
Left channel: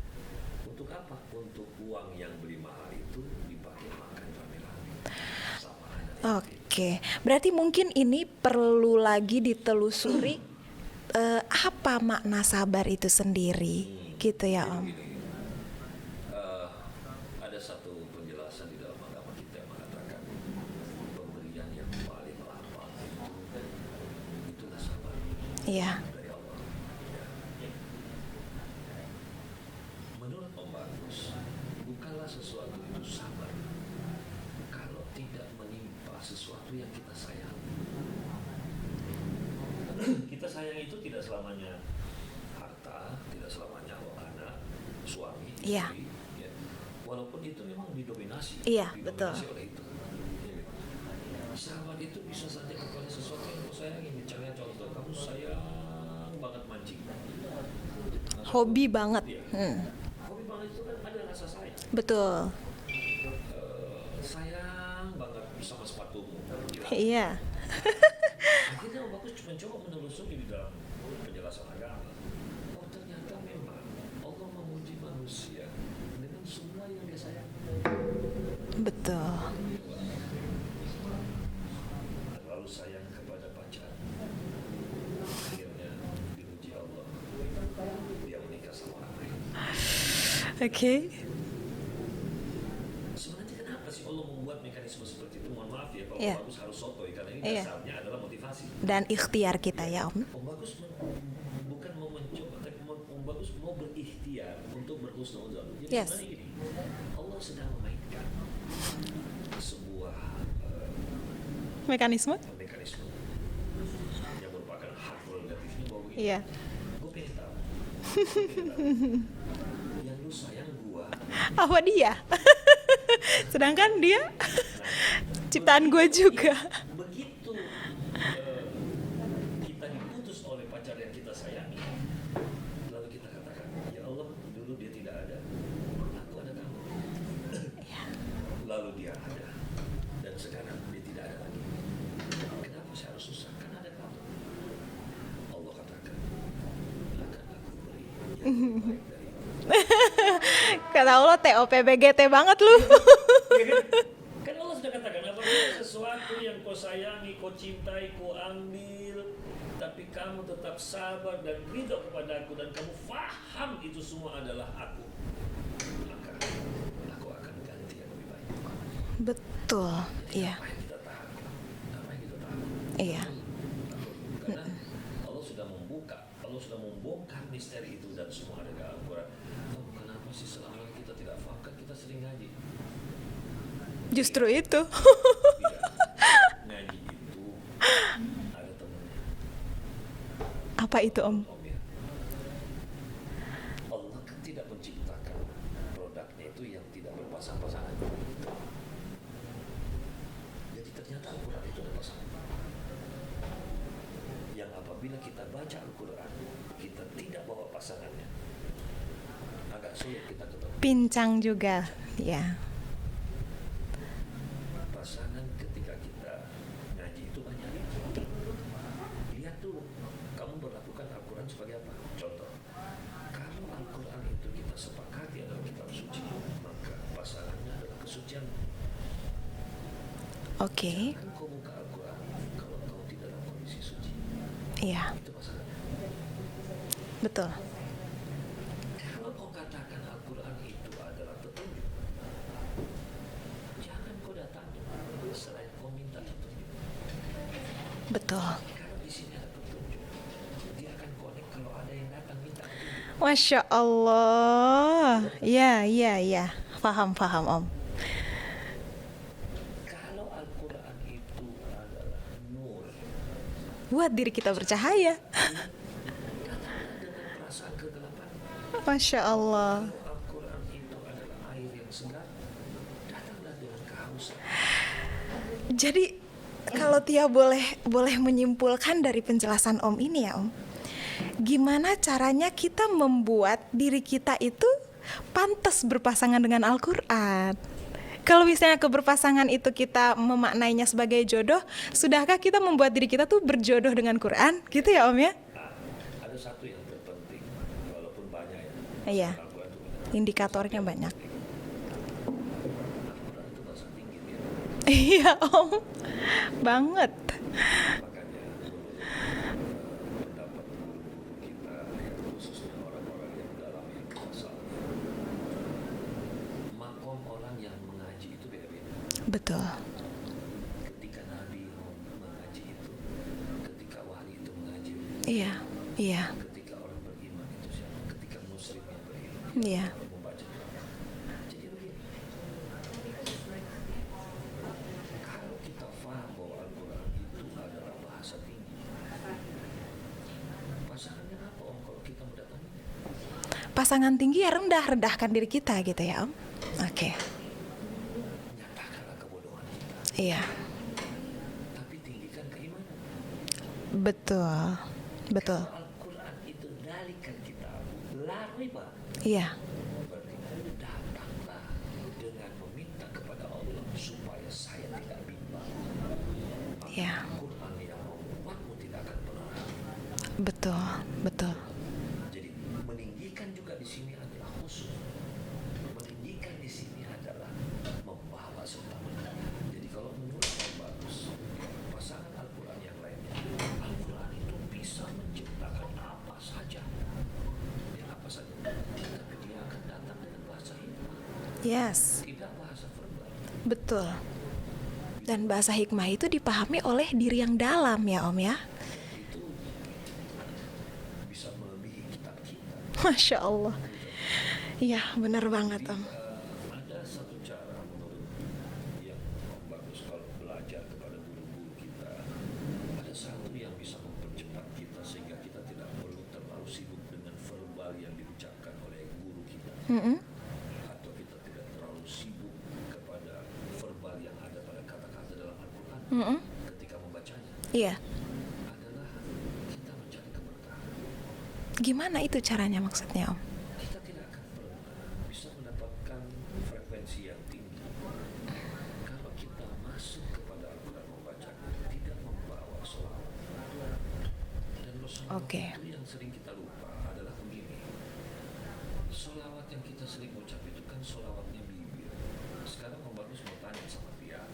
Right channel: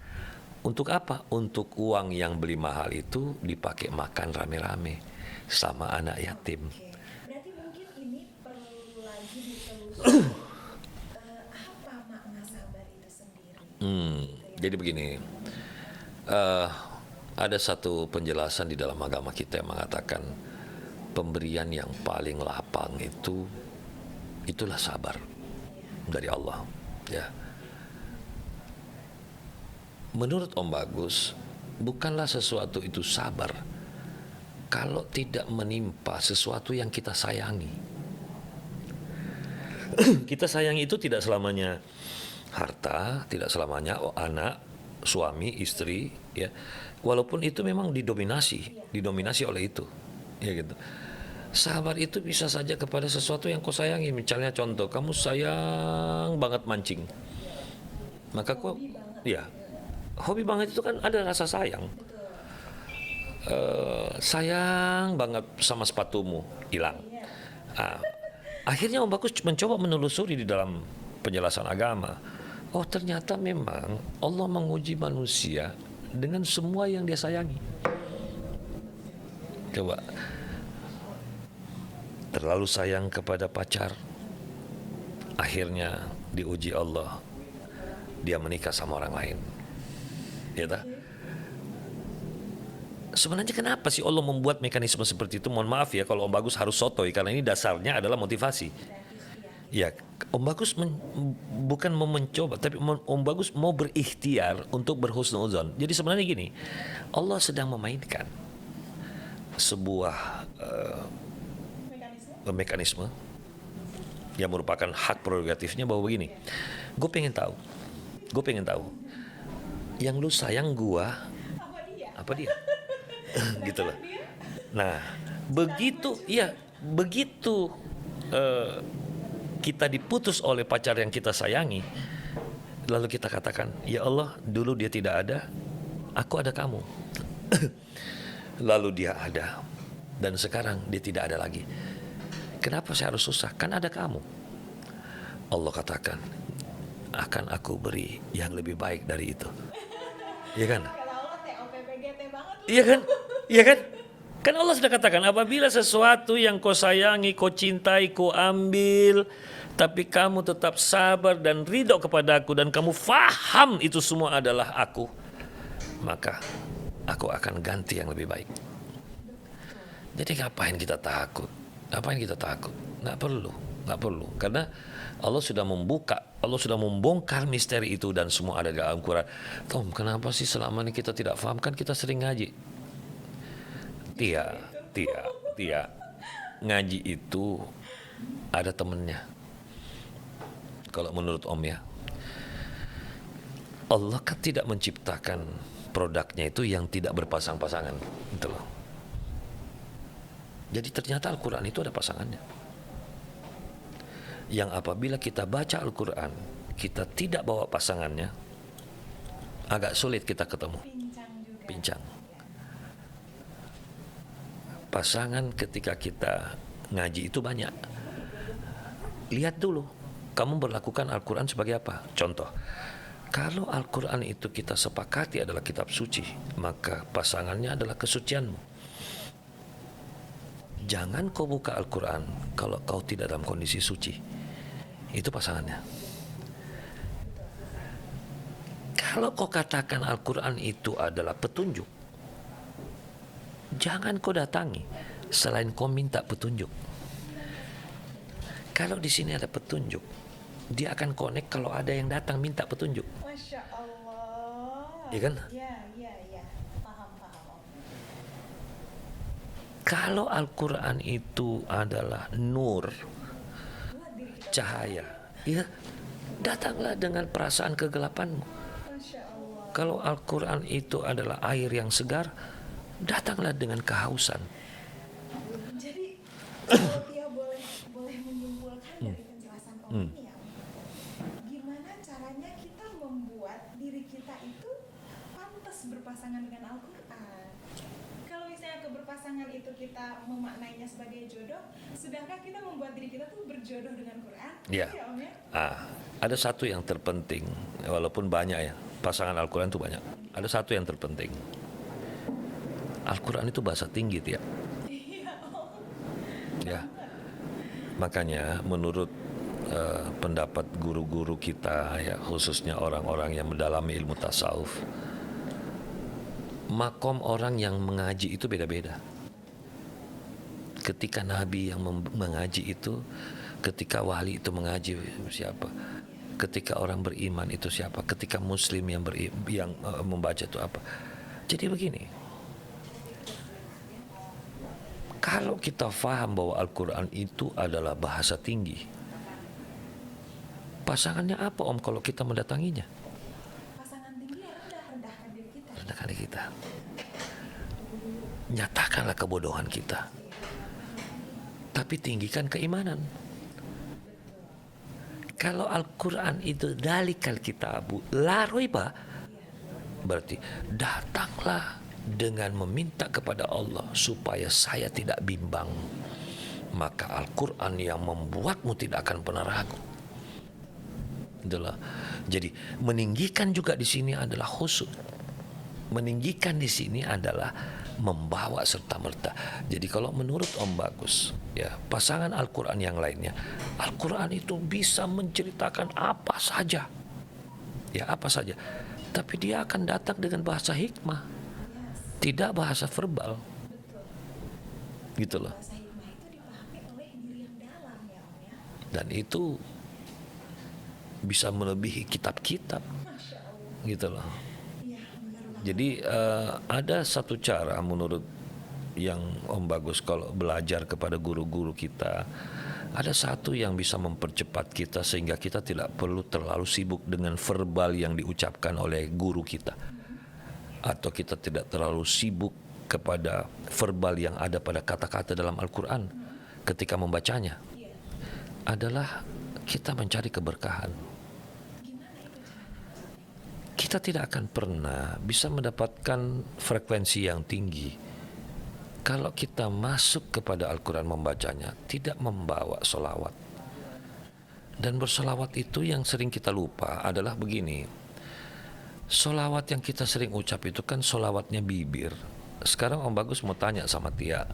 Untuk apa? Untuk uang yang beli mahal itu dipakai makan rame-rame sama anak yatim. Oke. Berarti mungkin ini perlu lagi ditelusuri apa makna sabar itu sendiri, gitu ya. Jadi Om? begini, ada satu penjelasan di dalam agama kita yang mengatakan pemberian yang paling lapang itulah sabar Iya. dari Allah. Ya. Menurut Om Bagus, bukanlah sesuatu itu sabar kalau tidak menimpa sesuatu yang kita sayangi. Kita sayangi itu tidak selamanya harta, tidak selamanya anak, suami, istri, ya. Walaupun itu memang didominasi oleh itu, ya gitu. Sabar itu bisa saja kepada sesuatu yang kau sayangi. Misalnya contoh, kamu sayang banget mancing, maka Hobi banget. Ya, hobi banget itu kan ada rasa sayang. Betul. Sayang banget sama sepatumu, hilang. Iya. Nah, akhirnya Om Bagus mencoba menelusuri di dalam penjelasan agama. Oh, ternyata memang Allah menguji manusia dengan semua yang dia sayangi. Betul. Coba, terlalu sayang kepada pacar, akhirnya diuji Allah, dia menikah sama orang lain. Ya kan? Oke. Sebenarnya kenapa sih Allah membuat mekanisme seperti itu? Mohon maaf ya kalau Om Iya. Bagus harus sotoy, karena ini Iya. dasarnya adalah motivasi. Dan ikhtiar kita ya, Om. Om Bagus bukan mau mencoba, tapi Om Bagus mau berikhtiar untuk berhusnuzon. Jadi Yes. sebenarnya gini, Allah sedang memainkan sebuah Mekanisme? yang merupakan hak prerogatifnya bahwa begini, Iya. gue pengen tahu, yang lu sayang gua Apa dia? apa dia? Sedangkan dia Nah, ciptaan gue juga. begitu kita diputus oleh pacar yang kita sayangi, lalu kita katakan, ya Allah, dulu dia tidak ada, aku ada kamu. Lalu dia ada, dan sekarang dia tidak ada lagi. Kenapa saya harus susah? Kan ada kamu. Allah katakan, akan aku beri yang lebih baik dari itu. Iya kan? Kata Allah TOPBGT banget lu. Iya kan? Iya kan? Kan Allah sudah katakan, apabila sesuatu yang kau sayangi, kau cintai, kau ambil, tapi kamu tetap sabar dan ridho kepadaku, dan kamu faham itu semua adalah aku, maka aku akan ganti yang lebih baik. Betul. Jadi Iya. ngapain kita takut? Nggak Iya. perlu. Karena Allah sudah membuka Allah sudah membongkar misteri itu dan semua ada di dalam Al-Quran. Tom, kenapa sih selama ini kita tidak paham? Kan kita sering ngaji. Justru itu. Iya. Ngaji itu ada temennya. Apa Kalau itu, Om? menurut Om ya, Allah kan tidak menciptakan produknya itu yang tidak berpasang-pasangan, gitu loh. Jadi ternyata Al-Quran itu ada pasangannya. Yang apabila kita baca Al-Quran, kita tidak bawa pasangannya, agak sulit kita ketemu. Pincang juga. Pincang. Ya. Pasangan ketika kita ngaji itu banyak. Lihat dulu, kamu berlakukan Al-Quran sebagai apa? Contoh, kalau Al-Quran itu kita sepakati adalah kitab suci, maka pasangannya adalah kesucianmu. Oke. Jangan kau buka Al-Quran kalau kau tidak dalam kondisi suci. Iya, Itu pasangannya. betul. Kalau kau katakan Al-Quran itu adalah petunjuk, jangan kau datangi selain kau minta petunjuk. Betul. Kalau di sini ada petunjuk, dia akan connect kalau ada yang datang minta petunjuk. Masya Allah. Iya kan? Iya. Paham, Om. Kalau Al-Quran itu adalah nur, Buat diri kita bercahaya. ya, datanglah dengan perasaan kegelapanmu. Masya Allah. Kalau Al-Quran itu adalah air yang segar, datanglah dengan kehausan. Jadi kalau Tia boleh menyimpulkan dari penjelasan Om ini ya, Om. Gimana caranya kita membuat diri kita itu pantas berpasangan dengan Al-Qur'an? Kalau misalnya keberpasangan itu kita memaknainya sebagai jodoh, sudahkah kita membuat diri kita tuh berjodoh dengan Quran? Gitu ya, Om ya? Ada satu yang terpenting, walaupun banyak ya, pasangan Iya. Al-Quran itu banyak. Ada Indikatornya satu yang banyak. terpenting. Al-Quran itu bahasa tinggi, Tia. Iya, Om. Banget. Makanya menurut pendapat guru-guru kita, ya khususnya orang-orang yang mendalami ilmu tasawuf, makom orang yang mengaji itu beda-beda. Betul. Ketika Nabi yang mengaji itu, ketika wali itu mengaji siapa? Iya. Ketika orang beriman itu siapa? Ketika Muslim yang Iya. membaca itu apa? Jadi begini, kalau kita faham bahwa Al-Quran itu adalah bahasa tinggi, pasangannya apa Om kalau kita mendatanginya? Pasangan tinggi ya rendahkan diri kita gitu ya, Om. Kita. Oke. Nyatakanlah kebodohan kita, Iya. tapi tinggikan keimanan. Betul. Kalau Al-Quran itu dalikal kitabu la raiba, Iya. berarti datanglah dengan meminta kepada Allah supaya saya tidak bimbang. Maka Ya. Al-Quran yang membuatmu tidak akan pernah ragu. Betul. Itulah. Jadi meninggikan juga di sini adalah khusyuk. Meninggikan di sini adalah membawa serta merta. Jadi kalau menurut Om Bagus, ya pasangan Al-Quran yang lainnya, Al-Quran itu bisa menceritakan apa saja, ya apa saja. Tapi dia akan datang dengan bahasa hikmah, Yes. tidak bahasa verbal. Betul. Gitu Dan loh. bahasa hikmah itu dipahami oleh diri yang dalam ya, Om ya. Dan itu bisa melebihi kitab-kitab, Masya Allah. gitu loh. Iya, benar banget. Jadi Om. ada satu cara menurut yang Om Bagus kalau belajar kepada guru-guru kita, ada satu yang bisa mempercepat kita sehingga kita tidak perlu terlalu sibuk dengan verbal yang diucapkan oleh guru kita, atau kita tidak terlalu sibuk kepada verbal yang ada pada kata-kata dalam Al-Quran ketika membacanya, Iya. adalah kita mencari keberkahan. Gimana itu caranya maksudnya, Om? Kita tidak akan pernah bisa mendapatkan frekuensi yang tinggi kalau kita masuk kepada Al-Quran membacanya tidak membawa solawat. Dan bersolawat Oke. itu yang sering kita lupa adalah begini, solawat yang kita sering ucap itu kan solawatnya bibir. Sekarang Om Bagus mau tanya sama Tia,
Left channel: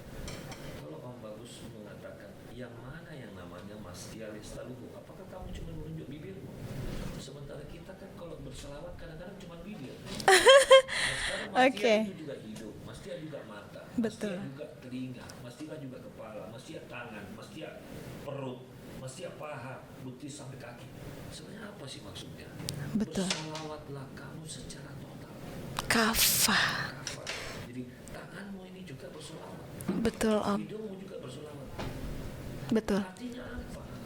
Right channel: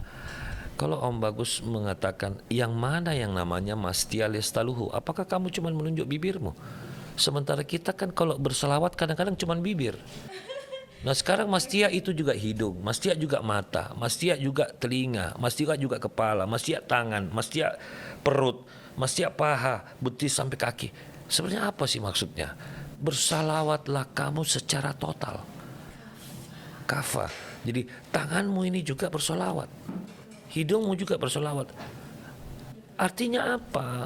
kalau Om Bagus mengatakan yang mana yang namanya Mastia Lestaluhu, apakah kamu cuma menunjuk bibirmu? Sementara kita kan kalau berselawat kadang-kadang cuma bibir. Nah sekarang Mastia Oke. itu juga hidung, Mastia juga mata, Mastia juga telinga, Mastia juga kepala, Mastia tangan, Mastia perut, Mastia paha, betis sampai kaki. Sebenarnya apa sih maksudnya? Bersalawatlah kamu secara total. Kafah. Jadi tanganmu ini juga bersolawat, Betul Om. hidungmu juga bersolawat. Betul. Artinya apa?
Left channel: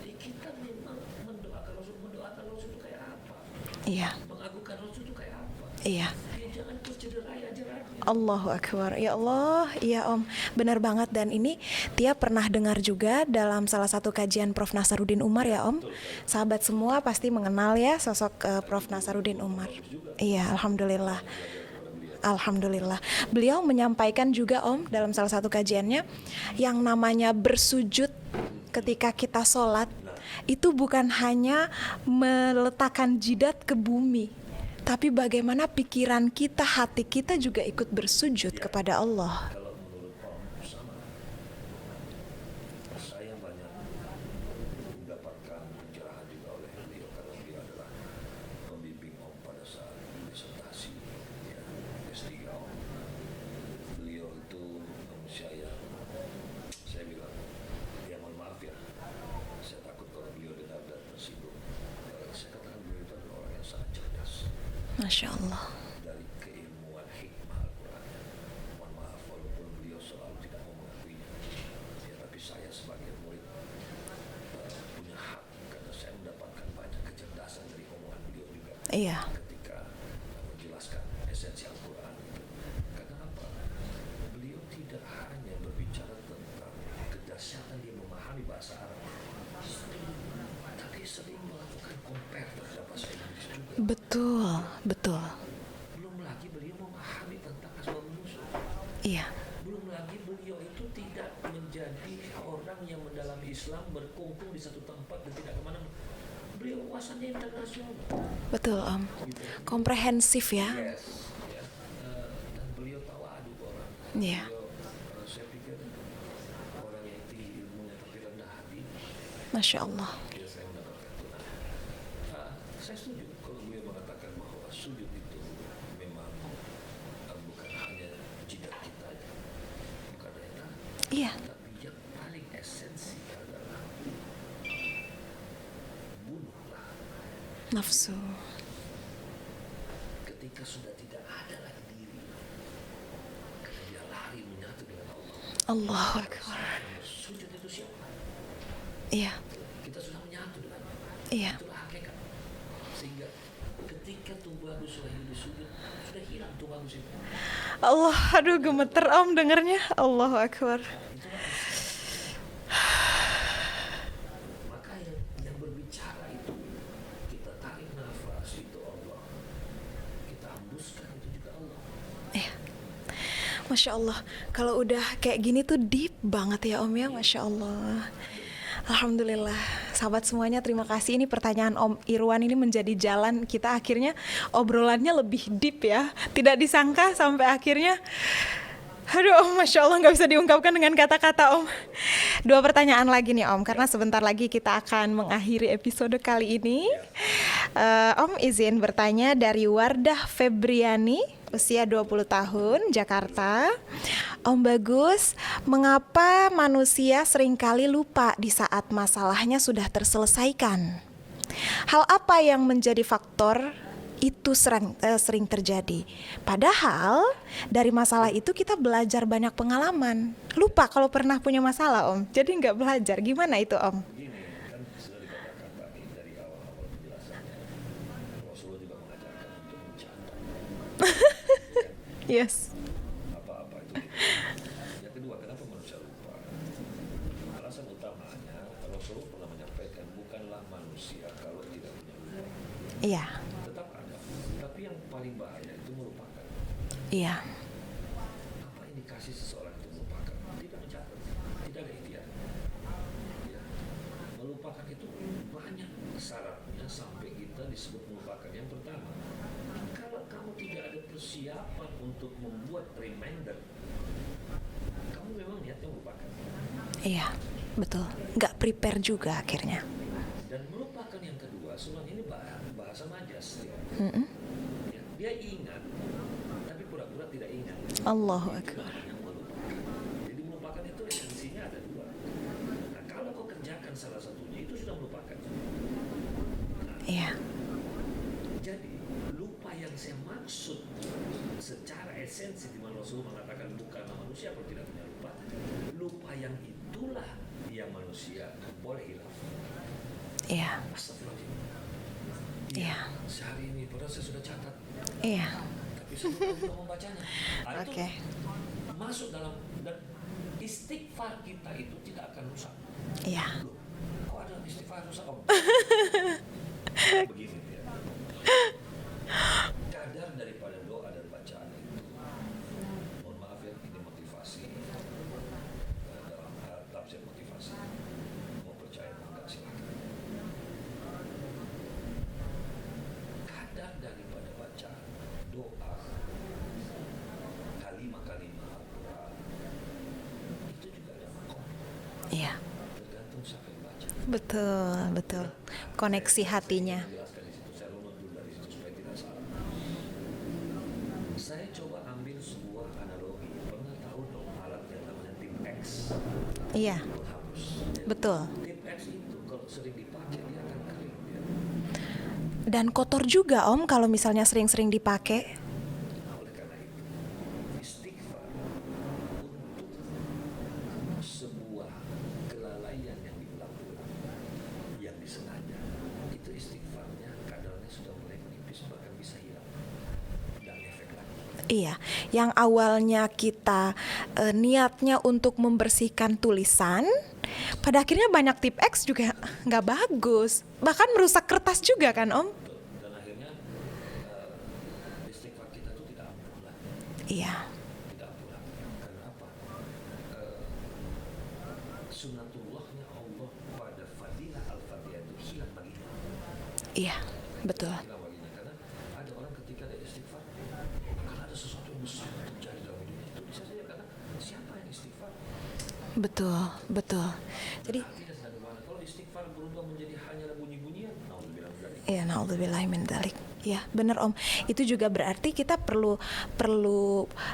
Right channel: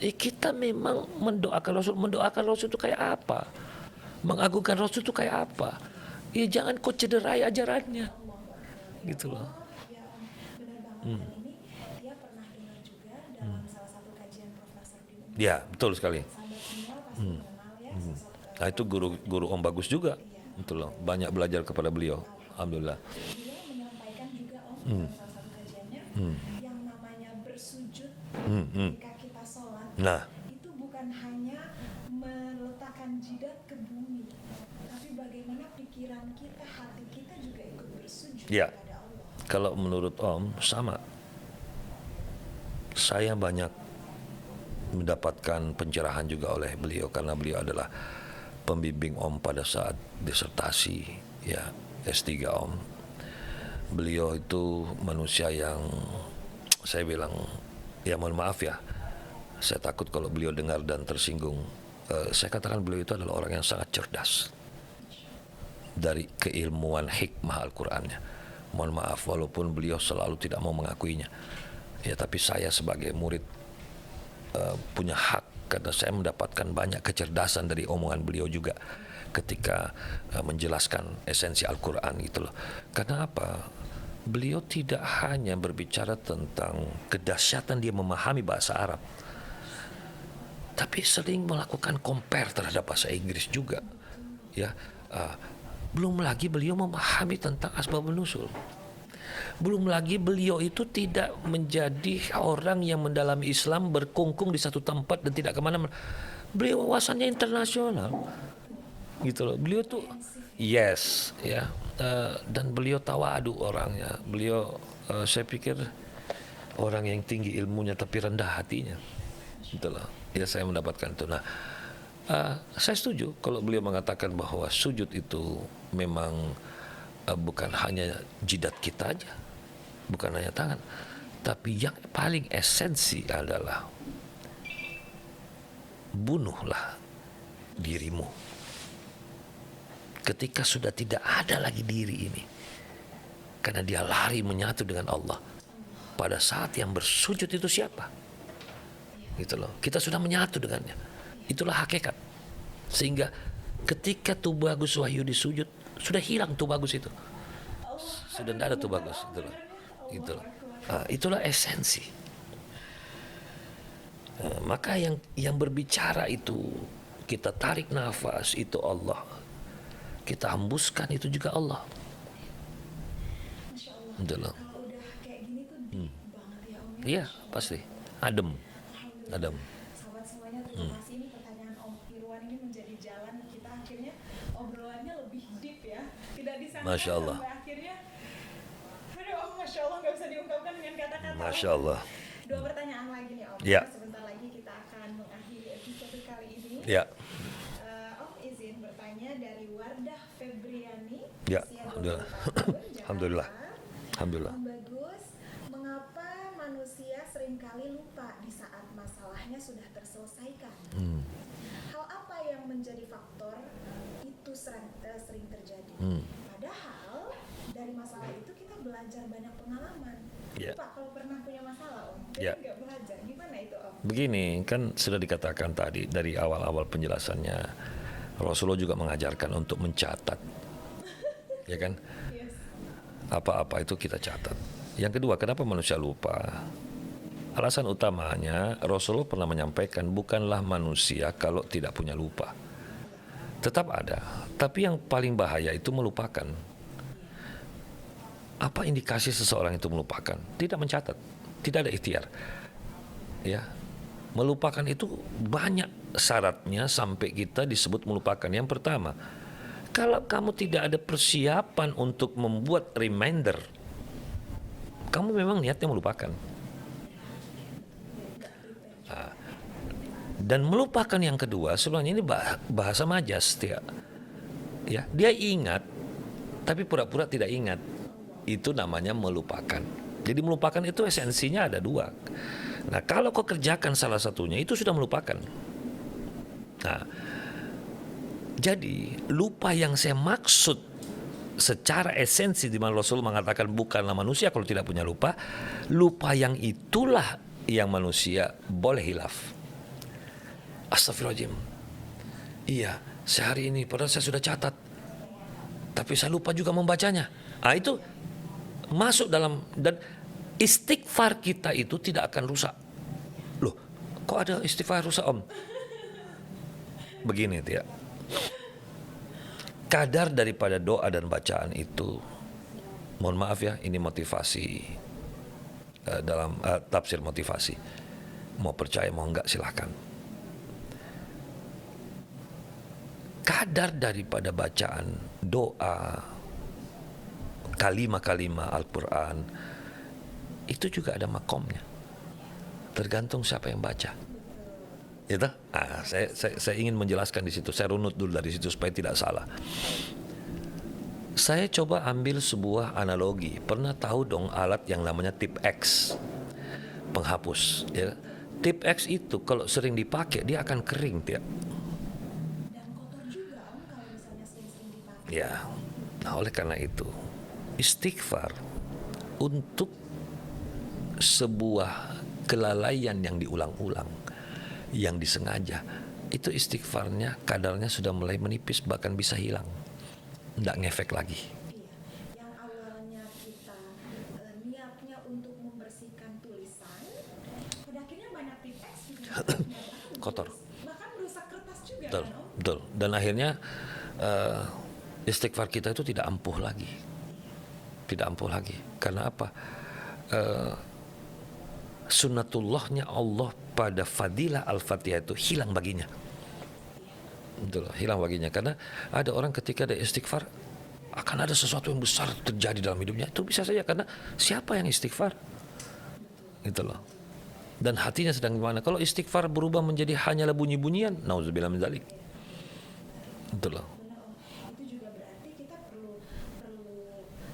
Kita memang mendoakan Rasul itu kayak apa? Iya. Mengagungkan Rasul itu kayak apa? Iya. Ya jangan kau cederai ajarannya. Allahu Akbar. Ya Gitu. Allah, iya Om. Benar banget. Dan ini Tia pernah dengar juga dalam salah satu kajian Prof. Nasaruddin Umar ya Om. Betul sekali. Sahabat semua pasti mengenal ya sosok Nah, Prof. itu Nasaruddin guru Om Umar. bagus juga. Iya, Gitu loh, alhamdulillah. banyak belajar kepada beliau. Alhamdulillah. Beliau menyampaikan juga Om dalam salah satu kajiannya yang namanya bersujud ketika kita sholat Nah. itu bukan hanya meletakkan jidat ke bumi, tapi bagaimana pikiran kita, hati kita juga ikut bersujud Ya. kepada Allah. Kalau menurut Om sama. Saya banyak mendapatkan pencerahan juga oleh beliau karena beliau adalah pembimbing Om pada saat disertasi ya S3 Om. Beliau itu manusia yang saya bilang ya mohon maaf ya. Saya takut kalau beliau dengar dan tersinggung. Saya katakan beliau itu adalah orang yang sangat cerdas Masya Allah. dari keilmuan hikmah Al-Qur'annya. Mohon maaf walaupun beliau selalu tidak mau mengakuinya. Ya tapi saya sebagai murid punya hak karena saya mendapatkan banyak kecerdasan dari omongan beliau juga. Iya. Ketika menjelaskan esensi Al-Qur'an gitu loh. Karena apa? Beliau tidak hanya berbicara tentang kedahsyatan dia memahami bahasa Arab, tapi sering melakukan compare terhadap bahasa Inggris juga. Betul. Ya. Betul. Belum lagi beliau memahami tentang asbabun nuzul. Iya. Belum lagi beliau itu tidak menjadi orang yang mendalami Islam berkungkung di satu tempat dan tidak kemana-mana. Beliau wawasannya internasional, Betul Om. gitu loh. Beliau Komprehensif ya. yes, ya. Dan beliau tawadu orangnya. Iya. Beliau, saya pikir orang yang tinggi ilmunya tapi rendah hatinya. Masya Gitu loh. Allah. Ya saya mendapatkan itu. Nah, saya setuju kalau beliau mengatakan bahwa sujud itu memang bukan hanya jidat kita aja, bukan hanya tangan, Iya. tapi yang paling esensi adalah bunuhlah Nafsu. dirimu. Ketika sudah tidak ada lagi diri ini, karena dia lari menyatu dengan Allah. Allah. Pada saat yang bersujud itu siapa? Iya. Gitu loh. Kita sudah menyatu dengannya. Iya. Itulah hakikat. Sehingga ketika Tubagus Wahyudi sujud, sudah hilang Tubagus itu. Allah, aduh Sudah ada gemeter tuh, Om dengernya. Allahu Akbar. Nah, itulah esensi. Maka yang berbicara itu, kita tarik nafas itu Allah. Kita hembuskan itu juga Allah. Iya. Masya Allah. Alhamdulillah. Kalau udah kayak gini tuh deep banget ya Om ya. Iya, Masya Allah. pasti. Adem. Alhamdulillah. Sahabat semuanya terima kasih. Ini pertanyaan Om Irwan ini menjadi jalan kita akhirnya obrolannya lebih deep ya. Tidak disangka Masya Allah. sampai akhirnya aduh, Masya Allah nggak bisa diungkapkan dengan kata-kata Om. Masya Allah. Dua pertanyaan lagi nih Om, karena Ya. sebentar lagi kita akan mengakhiri episode kali ini. Ya. Om izin bertanya dari Wardah Febriani, Ya, usia 20 tahun, Jakarta. Alhamdulillah. Om Bagus, mengapa manusia seringkali lupa di saat masalahnya sudah terselesaikan? Hal apa yang menjadi faktor itu sering terjadi? Padahal dari masalah itu kita belajar banyak pengalaman. Lupa kalau pernah punya masalah Om, jadi Ya. nggak belajar. Gimana itu Om? Begini, kan sudah dikatakan tadi dari awal-awal penjelasannya, Rasulullah juga mengajarkan untuk mencatat. Ya kan? Yes. Apa-apa itu kita catat. Yang kedua, kenapa manusia lupa? Alasan utamanya Rasulullah pernah menyampaikan bukanlah manusia kalau tidak punya lupa. Iya. Tetap ada, tapi yang paling bahaya itu melupakan. Iya. Apa indikasi seseorang itu melupakan? Tidak mencatat, tidak ada ikhtiar. Ya. Melupakan itu banyak syaratnya sampai kita disebut melupakan. Yang pertama, kalau kamu tidak ada persiapan untuk membuat reminder, kamu memang niatnya melupakan. Iya, betul. Nggak prepare juga akhirnya. Dan melupakan yang kedua, sebenarnya ini bahasa majas, Tia. Ya, dia ingat, tapi pura-pura tidak ingat. Allah. Itu namanya melupakan. Jadi melupakan itu esensinya ada dua. Nah, kalau kau kerjakan salah satunya, itu sudah melupakan. Nah, Iya. jadi lupa yang saya maksud secara esensi di mana Rasul mengatakan bukanlah manusia kalau tidak punya lupa. Lupa yang itulah yang manusia boleh hilaf. Iya. Astagfirullahaladzim. Iya, sehari ini padahal saya sudah catat, Iya. tapi saya lupa juga membacanya. Nah, itu Oke. masuk dalam, dan istighfar kita itu tidak akan rusak. Iya. Loh, kok ada istighfar rusak, Om? Begini, Tia. Kadar daripada doa dan bacaan itu, mohon maaf ya, ini motivasi, dalam tafsir motivasi. Mau percaya mau enggak silahkan. Kadar daripada bacaan doa, kalimah-kalimah Al-Quran, itu juga ada makomnya. Iya. Tergantung siapa yang baca. Betul, betul. Gitu? Nah, Koneksi hatinya. saya ingin menjelaskan di situ. Saya runut dulu dari situ supaya tidak salah. Saya coba ambil sebuah analogi. Pernah tahu dong alat yang namanya tip X, Iya. penghapus. Ya? Betul. Tip X itu kalau sering dipakai dia akan kering, dia. Dan kotor juga Om kalau misalnya sering-sering dipakai. Ya. Nah, oleh karena itu istighfar untuk sebuah kelalaian yang diulang-ulang, yang disengaja, itu istighfarnya kadarnya sudah mulai menipis, bahkan bisa hilang, nggak ngefek lagi. Iya, yang awalnya kita niatnya untuk membersihkan tulisan, pada akhirnya banyak tip X juga nggak bagus, bahkan merusak kertas juga kan Om? Betul. Dan akhirnya istighfar kita itu tidak ampuh lagi. Iya. Tidak ampuh lagi. Karena apa? Sunnatullahnya Allah pada fadilah Al-Fatihah itu hilang baginya. Iya, betul. Hilang baginya. Karena ada orang ketika ada istighfar, akan ada sesuatu yang besar terjadi dalam hidupnya. Itu bisa saja karena siapa yang istighfar? Betul, Gitu loh. betul. Dan hatinya sedang gimana? Kalau istighfar berubah menjadi hanyalah bunyi-bunyian, nauzubillah min dzalik. Iya, naudzubillahi min dzalik. Betul. Iya, benar Om. Itu juga berarti kita perlu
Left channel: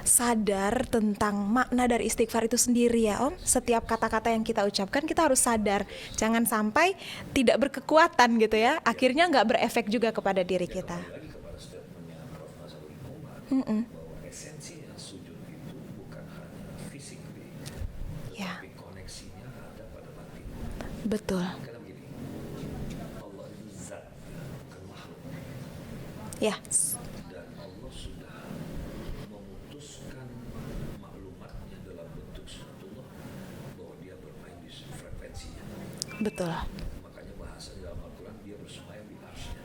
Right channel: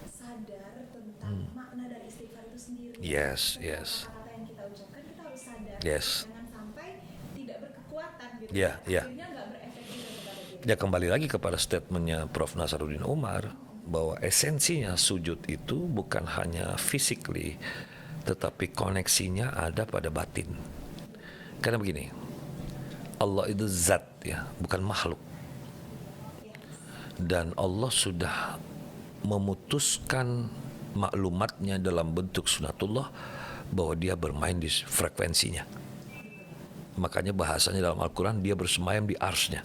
sadar tentang makna dari istighfar itu sendiri ya. Om. Yes, Setiap yes. kata-kata yang kita ucapkan kita harus sadar. Yes. Jangan sampai tidak berkekuatan gitu Ya, ya. Akhirnya nggak berefek juga kepada diri Ya, kita. kembali lagi kepada statementnya Prof. Nasaruddin Umar, bahwa esensinya sujud itu bukan hanya physically, tetapi koneksinya ada pada batin. Betul. Karena begini, Allah itu zat ya, bukan makhluk. Ya. Dan Allah sudah memutuskan maklumatnya dalam bentuk sunatullah bahwa dia bermain di frekuensinya. Betul. Makanya bahasanya dalam Al-Quran dia bersemayam di arsnya.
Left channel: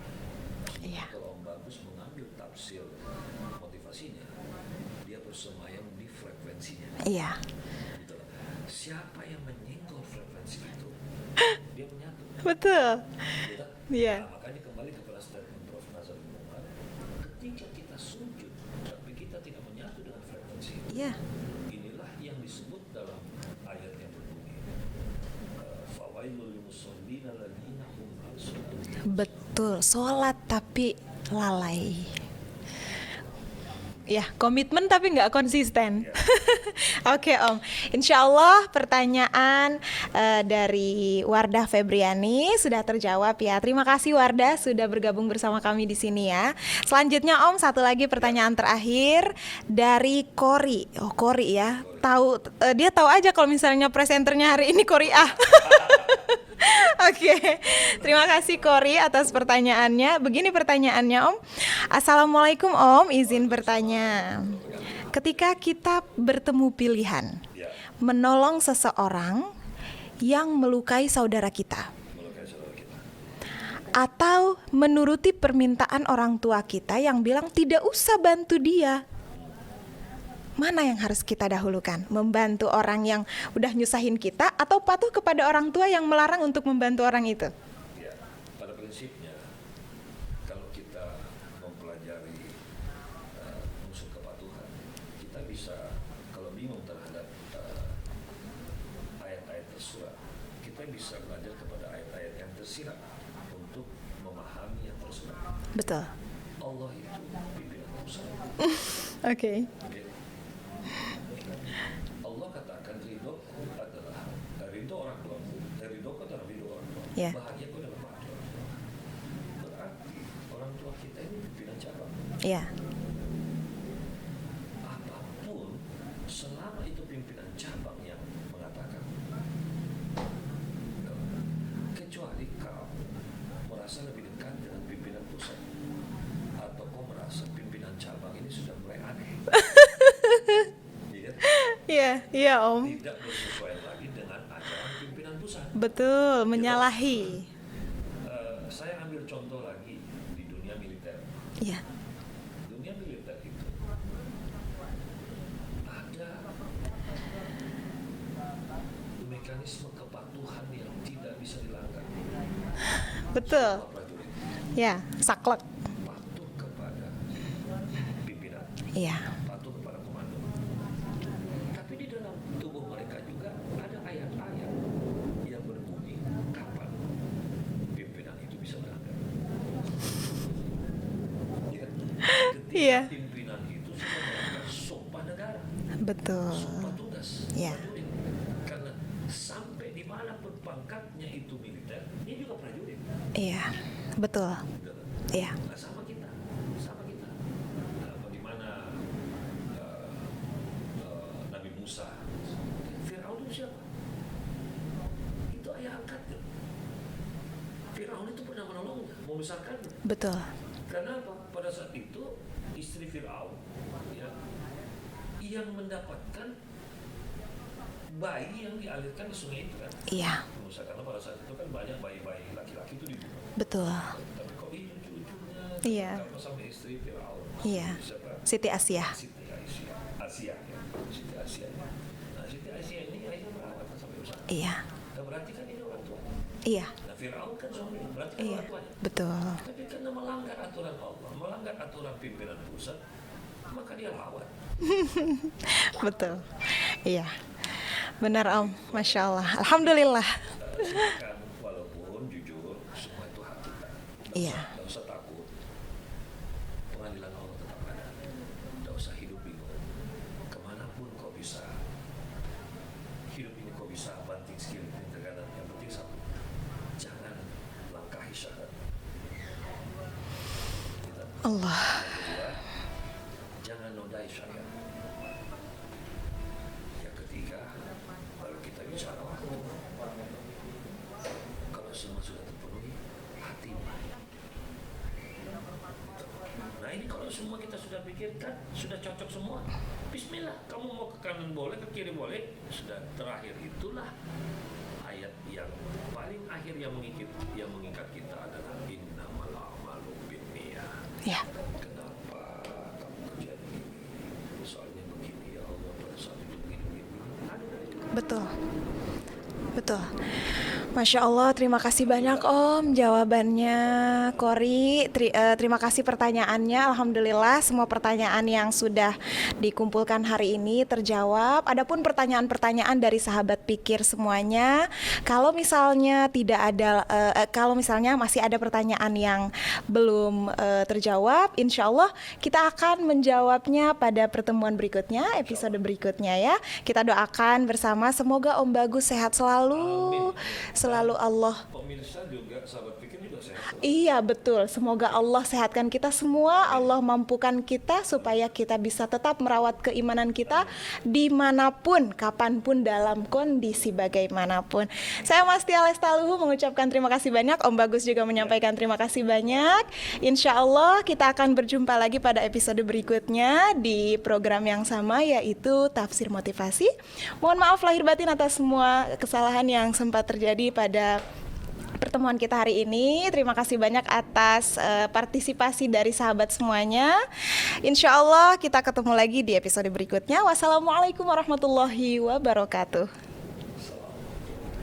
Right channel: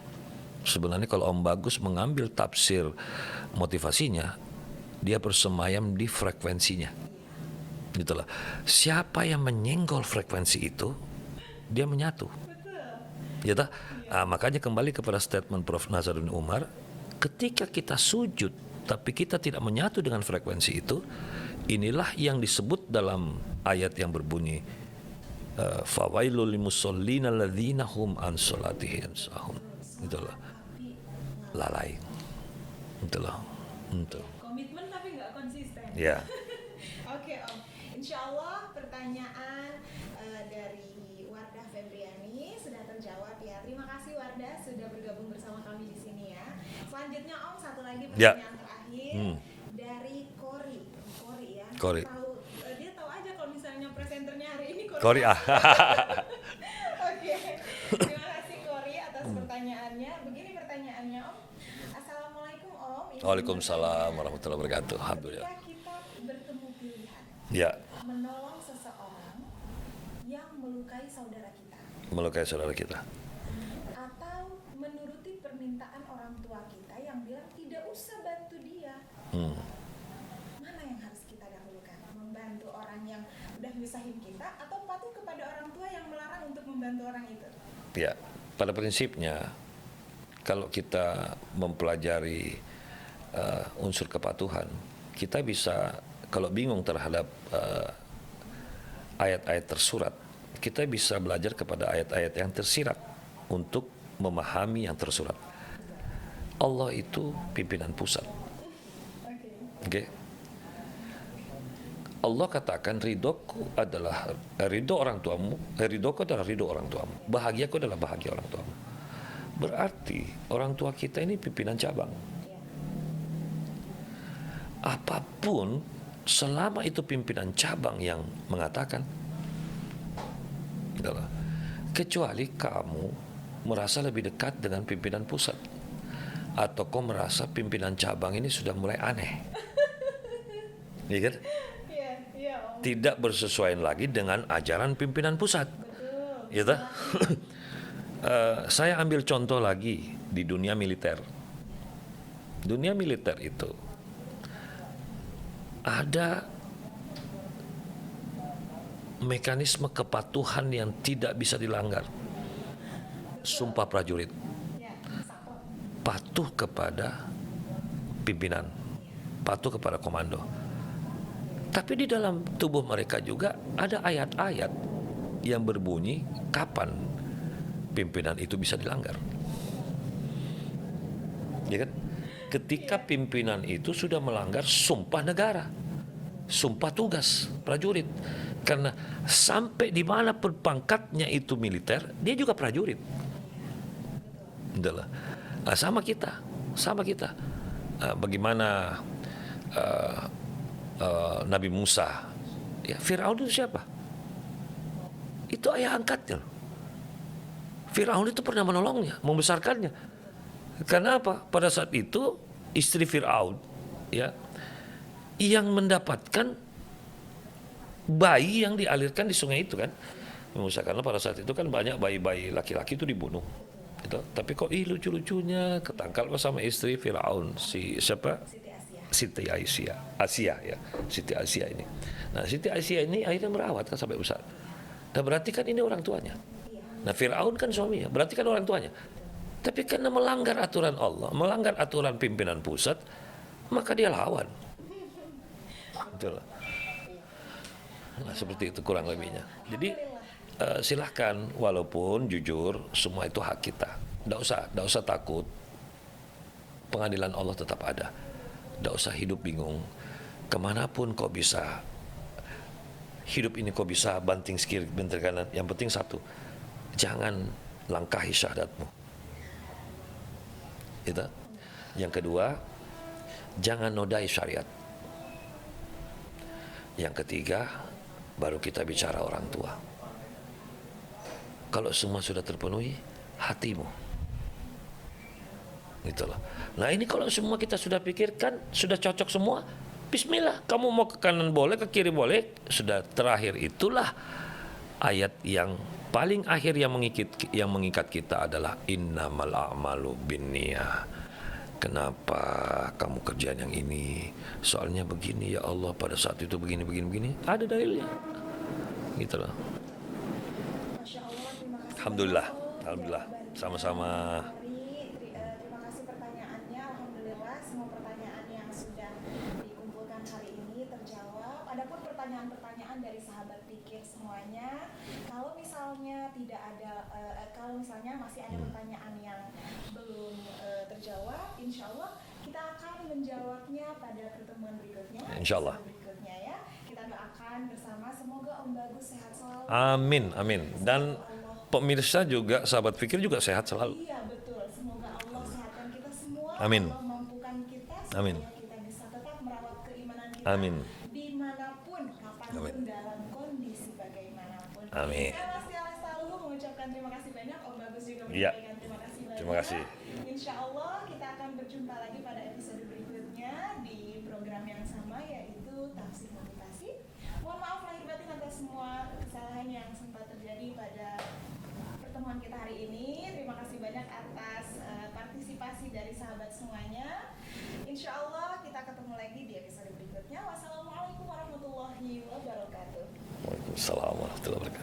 Sebenarnya kalau Om Bagus mengambil tafsir motivasinya, dia bersemayam di frekuensinya. Iya. Gitulah. Siapa yang menyenggol frekuensi itu, dia menyatu. Betul. Gitu? Iya. Nah, makanya kembali kepada statement Prof. Nasaruddin Umar, ketika kita sujud tapi kita tidak menyatu dengan frekuensi itu, Iya. inilah yang disebut dalam ayat yang berbunyi fawailul limusallina alladzina hum an salatihim sahun. Betul. Sholat tapi lalai. Gitu loh. Ya, komitmen tapi nggak konsisten. Ya. Oke Om, Insya Allah pertanyaan dari Wardah Febriani sudah terjawab ya. Terima kasih Wardah sudah bergabung bersama kami di sini ya. Selanjutnya Om, satu lagi pertanyaan terakhir dari Kori. Oh Kori ya, Kori. tahu dia tahu aja kalau misalnya presenternya hari ini Kori A. Korea. Oke, terima kasih Kori atas pertanyaannya. Begini pertanyaannya Om. Assalamualaikum Om, izin Waalaikumsalam bertanya. warahmatullahi wabarakatuh. Ketika kita bertemu pilihan Ya, menolong seseorang yang melukai saudara kita, melukai saudara kita. atau menuruti permintaan orang tua kita yang bilang tidak usah bantu dia, mana yang harus kita dahulukan? Membantu orang yang udah nyusahin kita atau patuh kepada orang tua yang melarang untuk membantu orang itu? Ya, pada prinsipnya kalau kita mempelajari unsur kepatuhan, kita bisa, kalau bingung terhadap ayat-ayat tersurat, kita bisa belajar kepada ayat-ayat yang tersirat untuk memahami yang tersurat. Betul. Allah itu pimpinan pusat. Oke. Oke. Allah katakan ridhoku adalah ridho orang tuamu, ridhoku adalah ridho orang tuamu, Yeah. bahagiaku adalah bahagia orang tuamu. berarti orang tua kita ini pimpinan cabang. Iya. Apapun selama itu pimpinan cabang yang mengatakan, gitu loh. Kecuali kamu merasa lebih dekat dengan pimpinan pusat, atau kau merasa pimpinan cabang ini sudah mulai aneh. Iya kan? Iya, iya Om. Tidak bersesuaian lagi dengan ajaran pimpinan pusat. Betul, menyalahi. Saya ambil contoh lagi di dunia militer. Iya. Dunia militer itu ada mekanisme kepatuhan yang tidak bisa dilanggar. Betul. Sumpah prajurit, Ya, saklek. patuh kepada pimpinan, Iya. patuh kepada komando. Tapi di dalam tubuh mereka juga ada ayat-ayat yang berbunyi kapan pimpinan itu bisa dilanggar. Ya kan? Ketika Iya. pimpinan itu sudah melanggar sumpah negara, Betul. sumpah tugas Iya. prajurit. Karena sampai di mana pangkatnya itu militer, dia juga prajurit. Iya. Betul. Itulah. Iya. Sama kita. Bagaimana Nabi Musa, ya, Firaun itu siapa? Itu ayah angkatnya. Firaun itu pernah menolongnya, membesarkannya. Betul. Karena apa? Pada saat itu istri Firaun, ya, yang mendapatkan bayi yang dialirkan di sungai itu kan, Iya. Musa, karena pada saat itu kan banyak bayi-bayi laki-laki itu dibunuh. Betul. Tapi kok lucu-lucunya Iya. ketangkap sama istri Firaun, Iya. siapa? Siti Asia. Siti Asia ya, Siti Asia ini. Nah, Siti Asia ini akhirnya merawat kan sampai besar. Iya. Nah, berarti kan ini orang tuanya. Iya. Nah, Firaun kan suaminya, berarti kan orang tuanya. Betul. Tapi karena melanggar aturan Allah, melanggar aturan pimpinan pusat, maka dia lawan. Betul. Iya. Benar Seperti Om. itu kurang Masya lebihnya. Allah. Alhamdulillah. Silakan, walaupun jujur semua itu hak kita. Nggak usah takut. Pengadilan Allah tetap ada. Nggak usah hidup bingung. Kemanapun kau bisa, hidup ini kau bisa banting kiri, banting kanan. Yang penting satu, jangan langkahi syahadatmu. Itu. Allah. Yang kedua, jangan nodai syariat. Yang ketiga, baru kita bicara orang tua. Kalau semua sudah terpenuhi, hatimu. Gitu loh. Nah, ini kalau semua kita sudah pikirkan, sudah cocok semua, bismillah, kamu mau ke kanan boleh, ke kiri boleh. Sudah terakhir itulah ayat yang paling akhir yang mengikat kita adalah innamal a'malu binniyah. Ya. Kenapa kamu kerjaan yang ini? Soalnya begini, ya Allah, pada saat itu begini. Ada dalilnya. Betul. Gitu loh. Betul. Masya Allah, terima kasih banyak Om Alhamdulillah. jawabannya. Sama-sama. Kori, terima kasih pertanyaannya. Alhamdulillah semua pertanyaan yang sudah dikumpulkan hari ini terjawab. Adapun pertanyaan-pertanyaan dari sahabat pikir semuanya, kalau misalnya tidak ada, kalau misalnya masih ada pertanyaan yang belum terjawab, insya Allah kita akan menjawabnya pada pertemuan berikutnya, episode berikutnya ya. Kita doakan bersama, semoga Om Bagus sehat selalu. Amin. Selalu Dan Allah. pemirsa juga, sahabat pikir juga sehat selalu. Iya betul. Semoga Allah sehatkan kita semua. Amin. Allah mampukan kita supaya kita bisa tetap merawat keimanan kita Amin. dimanapun, kapanpun, dalam kondisi bagaimanapun. Amin. Saya Mastia Lestaluhu mengucapkan terima kasih banyak. Om Bagus juga menyampaikan terima kasih banyak. Insya Allah kita akan berjumpa lagi pada episode berikutnya di program yang sama, yaitu Tafsir Motivasi. Mohon maaf lahir batin atas semua kesalahan yang sempat terjadi pada pertemuan kita hari ini. Terima kasih banyak atas partisipasi dari sahabat semuanya. Insya Allah kita ketemu lagi di episode berikutnya. Wassalamualaikum warahmatullahi wabarakatuh. Waalaikumsalam warahmatullahi wabarakatuh.